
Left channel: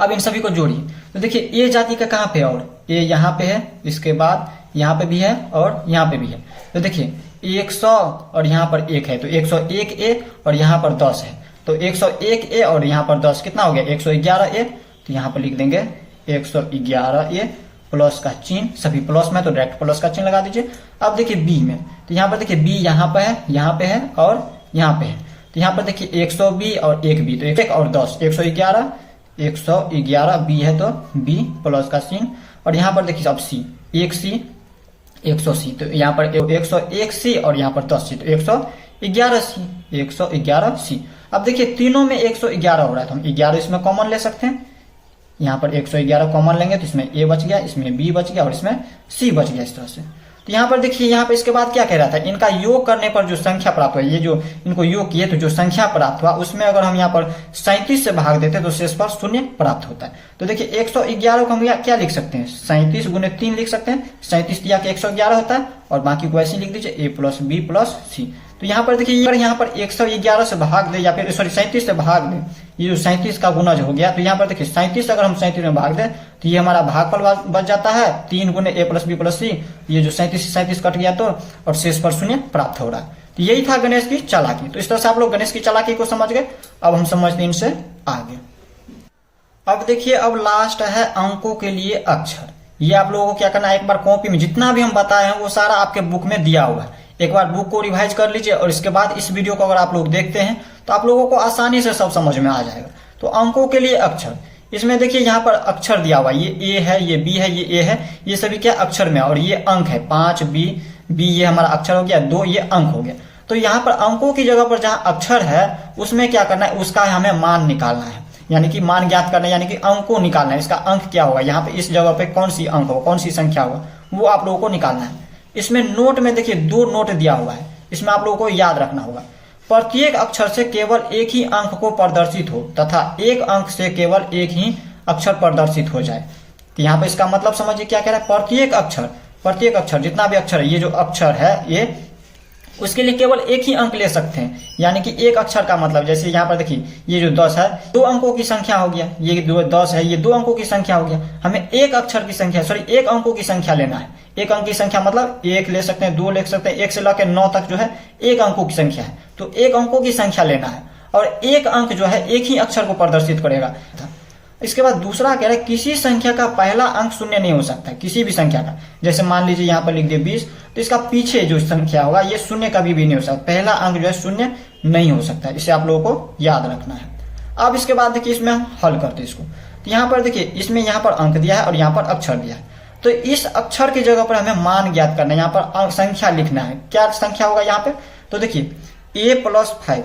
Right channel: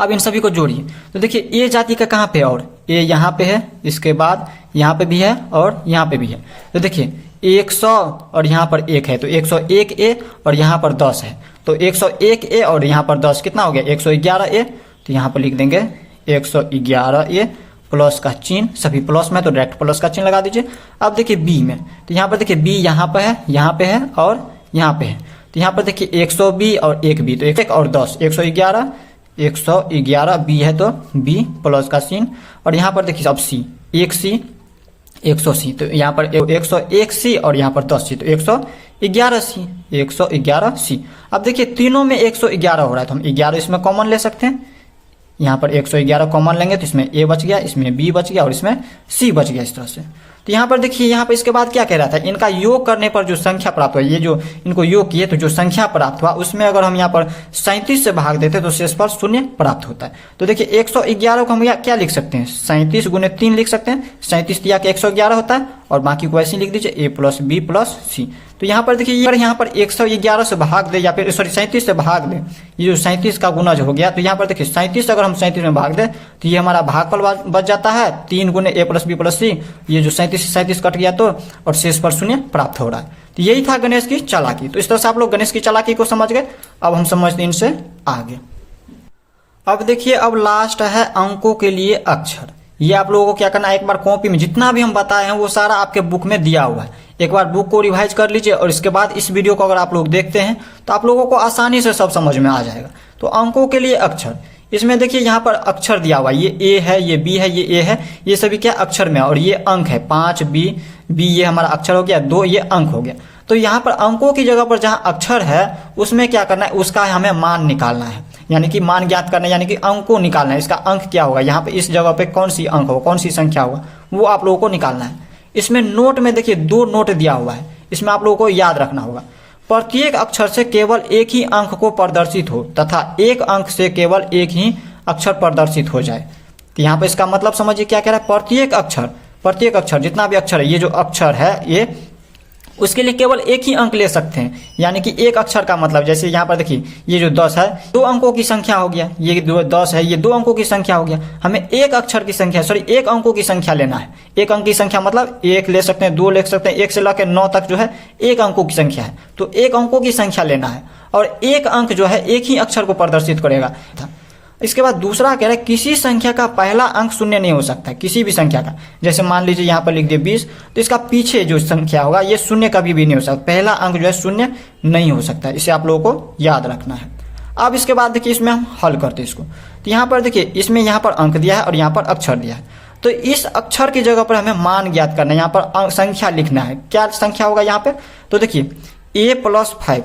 अब इन सभी को जोड़िए। तो देखिए A जाति का कहाँ पे है, और A यहाँ पे है, इसके बाद यहाँ पे भी है और यहाँ पे भी है। तो देखिए 100 और यहाँ पर 1 है तो 101A और यहाँ पर 10 है तो 101A और यहाँ पर 10 कितना हो गया 111A। तो यहाँ पर लिख देंगे 111A प्लस का चिन्ह, सभी प्लस में तो डायरेक्ट प्लस का चिन्ह लगा दीजिए। अब देखिए B में, तो यहाँ पर देखिए B यहाँ पे है, यहाँ पे है और यहाँ पे है। तो यहाँ पर देखिए 100B और 1B, तो 1 और 10 111B है तो B प्लस का चिन्ह। और यहाँ पर देखिए अब C 1C 100C, तो यहाँ पर 101C और यहाँ पर 10C तो 111C। अब देखिए तीनों में 111 हो रहा है तो हम 11 इसमें कॉमन ले सकते हैं। यहाँ पर 111 कॉमन लेंगे तो इसमें A बच गया, इसमें B बच गया और इसमें C बच गया, इस तरह से। तो यहाँ पर देखिए यहाँ पर इसके बाद क्या कह रहा था, इनका योग करने पर जो संख्या प्राप्त हुआ, ये जो इनको योग किए तो जो संख्या प्राप्त हुआ उसमें अगर हम यहाँ पर 37 से भाग देते तो शेषफल 0 प्राप्त होता है। तो देखिए 111 को हम क्या लिख सकते हैं, 37 गुने 3 लिख सकते हैं। 37 दिया कि 111 होता है और बाकी को ऐसे लिख दीजिए A plus B plus C। तो यहाँ पर देखिए यहाँ पर 111 से भाग दे या फिर सॉरी 37 से भाग दे, ये जो 37 का गुना जो हो गया, तो यहाँ पर देखिए 37 अगर हम 37 में भाग दे तो ये हमारा भागफल बच जाता है 3 गुने A plus B plus C। ये जो 37 कट गया तो और शेषफल 0 प्राप्त हो रहा है। तो यही था गणेश की चालाकी। तो इस तरह से आप लोग गणेश की चालाकी को समझ गए। अब हम समझते हैं इनसे आगे। अब देखिए अब लास्ट है अंकों के लिए अक्षर। ये आप लोगों को क्या करना है, एक बार कॉपी में जितना भी हम बताए हैं वो सारा आपके बुक में दिया हुआ है। एक बार बुक को रिवाइज कर लीजिए और इसके बाद इस वीडियो को अगर आप लोग देखते हैं तो आप लोगों को आसानी से सब समझ में आ जाएगा। तो अंकों के लिए अक्षर, इसमें देखिए यहाँ पर अक्षर दिया हुआ है, ये ए है, ये बी है, ये ए है, ये सभी क्या अक्षर में, और ये अंक है 5 बी, ये हमारा अक्षर हो गया, 2 ये अंक हो गया। तो यहाँ पर अंकों की जगह पर जहाँ अक्षर है उसमें क्या करना है, उसका हमें मान निकालना है, यानी कि मान ज्ञात करना है, यानी कि अंक को निकालना है। इसका अंक क्या होगा, यहाँ पे इस जगह पे कौन सी अंक होगा, कौन सी संख्या होगा, वो आप लोगों को निकालना है। इसमें नोट में देखिए 2 नोट दिया हुआ है, इसमें आप लोगों को याद रखना होगा, प्रत्येक अक्षर से केवल एक ही अंक को प्रदर्शित हो तथा एक अंक से केवल एक ही अक्षर प्रदर्शित हो जाए। तो यहाँ पे इसका मतलब समझिए क्या कह रहा है, प्रत्येक अक्षर जितना भी अक्षर है, ये जो अक्षर है ये, उसके लिए केवल एक ही अंक ले सकते हैं। यानी कि एक अक्षर का मतलब, जैसे यहाँ पर देखिए ये जो 10 है 2 अंकों की संख्या हो गया, ये 10 है, ये 2 अंकों की संख्या हो गया। हमें एक अक्षर की संख्या, एक अंकों की संख्या लेना है। एक अंक की संख्या मतलब 1 ले सकते हैं, 2 ले सकते हैं, 1 से लेकर 9 तक जो है एक अंकों की संख्या है। तो एक अंकों की संख्या लेना है और एक अंक जो है एक ही अक्षर को प्रदर्शित करेगा। इसके बाद दूसरा कह रहे हैं किसी संख्या का पहला अंक शून्य नहीं हो सकता है, किसी भी संख्या का। जैसे मान लीजिए यहाँ पर लिख दिए 20, तो इसका पीछे जो संख्या होगा ये शून्य कभी भी नहीं हो सकता, पहला अंक जो है शून्य नहीं हो सकता। इसे आप लोगों को याद रखना है। अब इसके बाद देखिए इसमें हम हल करते हैं इसको। तो यहाँ पर देखिए इसमें यहाँ पर अंक दिया है और यहाँ पर अक्षर दिया है। तो इस अक्षर की जगह पर हमें मान ज्ञात करना है, यहाँ पर संख्या लिखना है। क्या संख्या होगा यहाँ पे, तो देखिए a+5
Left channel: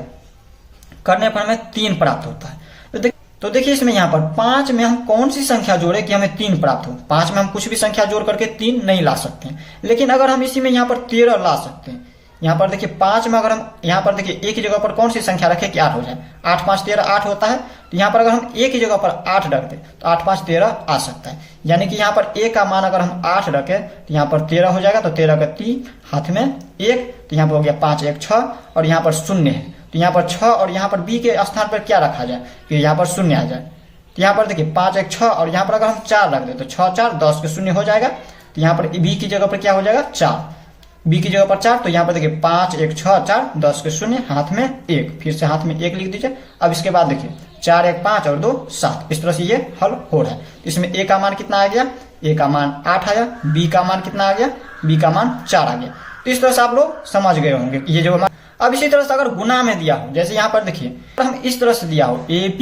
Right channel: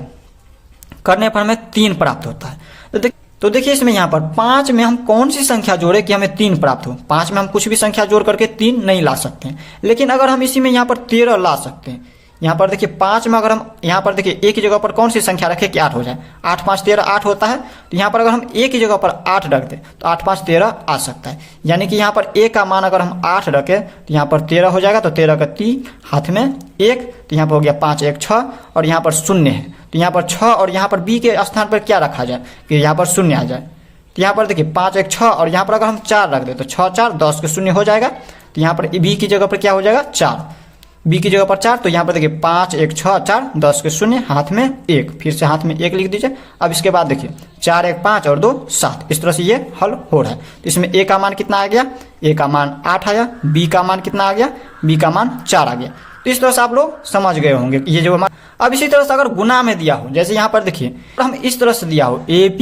करने पर हमें 3 प्राप्त होता है। तो देखिए इसमें यहाँ पर 5 में हम कौन सी संख्या जोड़े कि हमें 3 प्राप्त हो। 5 में हम कुछ भी संख्या जोड़ करके 3 नहीं ला सकते हैं, लेकिन अगर हम इसी में यहाँ पर 13 ला सकते हैं। यहाँ पर देखिए 5 में अगर हम यहाँ पर देखिए एक ही जगह पर कौन सी संख्या रखें कि 8 हो जाए, 8 5 13 8 होता है। तो यहाँ पर अगर हम एक ही जगह पर 8 रख दें तो 8 5 13 आ सकता है। यानी कि यहाँ पर a का मान अगर हम 8 रखें तो यहाँ पर 13 हो जाएगा। तो 13 का 3 हाथ में 1, तो यहाँ पर हो गया 5 1 6, और यहाँ पर शून्य है तो यहाँ पर 6, और यहाँ पर b के स्थान पर क्या रखा जाए कि यहाँ पर शून्य आ जाए। तो यहाँ पर देखिए 5 1 6, और यहाँ पर अगर हम 4 रख दें तो 6 4 10 के शून्य हो जाएगा। तो यहाँ पर b की जगह पर क्या हो जाएगा 4, b की जगह पर 4। तो यहाँ पर देखिए 5 1 6 4 10 के शून्य, हाथ में 1, फिर से हाथ में 1 लिख दीजिए। अब इसके बाद देखिए 4 1 5 और 2 7, इस तरह से ये हल हो रहा है। तो इसमें a का मान कितना आ गया, a का मान 8 आया, b का मान कितना आ गया, b का मान 4 आ गया। तो इस तरह से आप लोग समझ गए होंगे ये जो हमारा। अब इसी तरह से अगर गुना में दिया हो, जैसे यहाँ पर देखिए तो हम इस तरह से दिया हो ab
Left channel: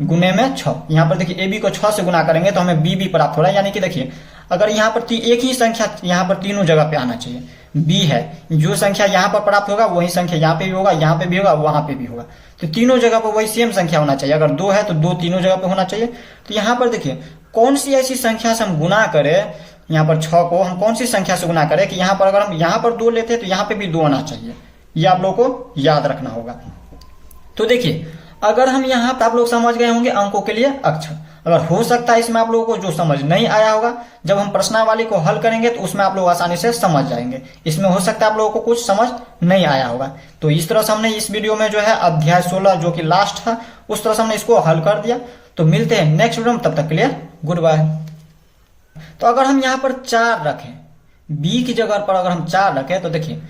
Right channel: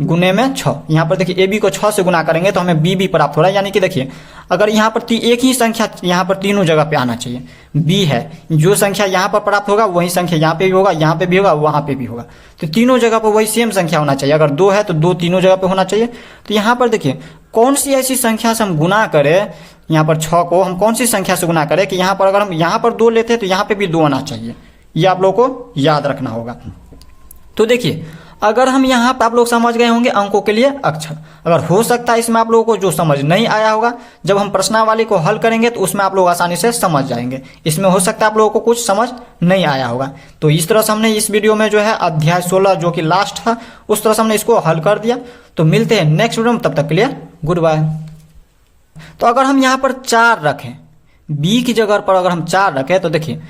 गुने में 6, यहाँ पर देखिए ab को 6 से गुना करेंगे तो हमें b प्राप्त हो रहा है। यानी कि देखिए अगर यहाँ पर एक ही संख्या यहाँ पर तीनों जगह पे आना चाहिए, b है, जो संख्या यहाँ पर प्राप्त होगा वही संख्या यहाँ पे भी होगा, यहाँ पे भी होगा, वहां पे भी होगा। तो तीनों जगह पर वही सेम संख्या होना चाहिए। अगर 2 है तो 2 तीनों जगह पे होना चाहिए। तो यहाँ पर देखिए कौन सी ऐसी संख्या से हम गुना करें, यहाँ पर 6 को हम कौन सी संख्या से गुना करें कि यहाँ पर अगर हम यहाँ पर 2 लेते हैं तो यहाँ पे भी 2 आना चाहिए। ये आप लोग को याद रखना होगा। तो देखिए अगर हम यहाँ पर आप लोग समझ गए होंगे अंकों के लिए अक्षर। अगर हो सकता है इसमें आप लोगों को जो समझ नहीं आया होगा, जब हम प्रश्नावली को हल करेंगे तो उसमें आप लोग आसानी से समझ जाएंगे। इसमें हो सकता है आप लोगों को कुछ समझ नहीं आया होगा। तो इस तरह से हमने इस वीडियो में जो है अध्याय 16 जो कि लास्ट था, उस तरह से हमने इसको हल कर दिया। तो मिलते हैं नेक्स्ट वीडियो में, तब तक के लिए गुड बाय। तो अगर हम यहाँ पर 4 रखें, b की जगह पर अगर हम 4 रखें तो देखिए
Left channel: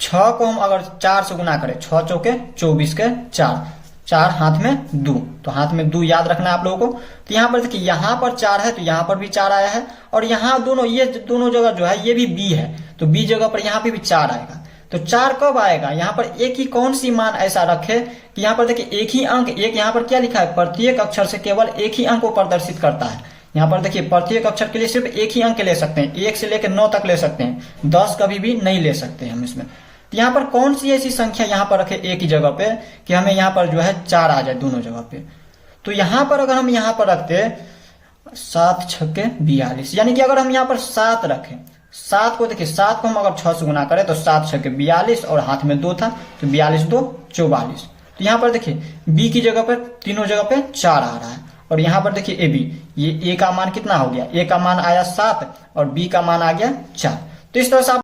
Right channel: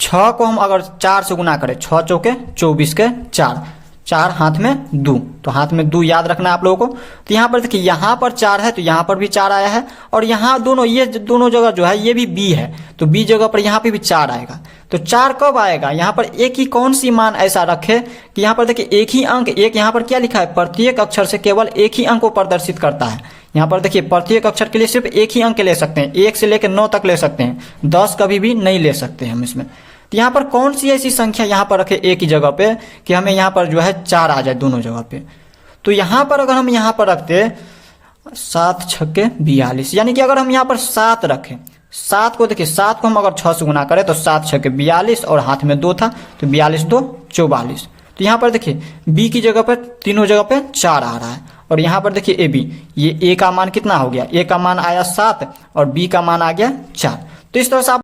6 को हम अगर 4 से गुना करें, 6 चौके 24 के 4, 4 हाथ में 2, तो हाथ में 2 याद रखना है आप लोगों को। तो यहाँ पर देखिए यहाँ पर 4 है तो यहाँ पर भी 4 आया है, और यहाँ दोनों ये दोनों जगह जो है ये भी b है, तो b जगह पर यहाँ पे भी 4 आएगा। तो 4 कब आएगा, यहाँ पर एक ही कौन सी मान ऐसा रखे कि यहाँ पर देखिए एक ही अंक, एक यहाँ पर क्या लिखा है, प्रत्येक अक्षर से केवल एक ही अंक को प्रदर्शित करता है। यहाँ पर देखिए प्रत्येक अक्षर के लिए सिर्फ एक ही अंक ले सकते हैं, 1 से लेकर 9 तक ले सकते हैं, 10 कभी भी नहीं ले सकते हम इसमें। तो यहाँ पर कौन सी ऐसी संख्या यहाँ पर रखे एक ही जगह पे कि हमें यहाँ पर जो है 4 आ जाए दोनों जगह पे। तो यहाँ पर अगर हम यहाँ पर रखते 7 छक्के 42, यानी कि अगर हम यहाँ पर 7 रखें, 7 को देखिए 7 को हम अगर 6 से गुना करें तो 7 छक्के 42, और हाथ में 2 था तो 42 2 44। तो यहाँ पर देखिए b की जगह पर तीनों जगह पे 4 आ रहा है, और यहाँ पर देखिए ab, ये a का मान कितना हो गया, a का मान आया 7 और b का मान आ गया 4। तो इस तरह से आप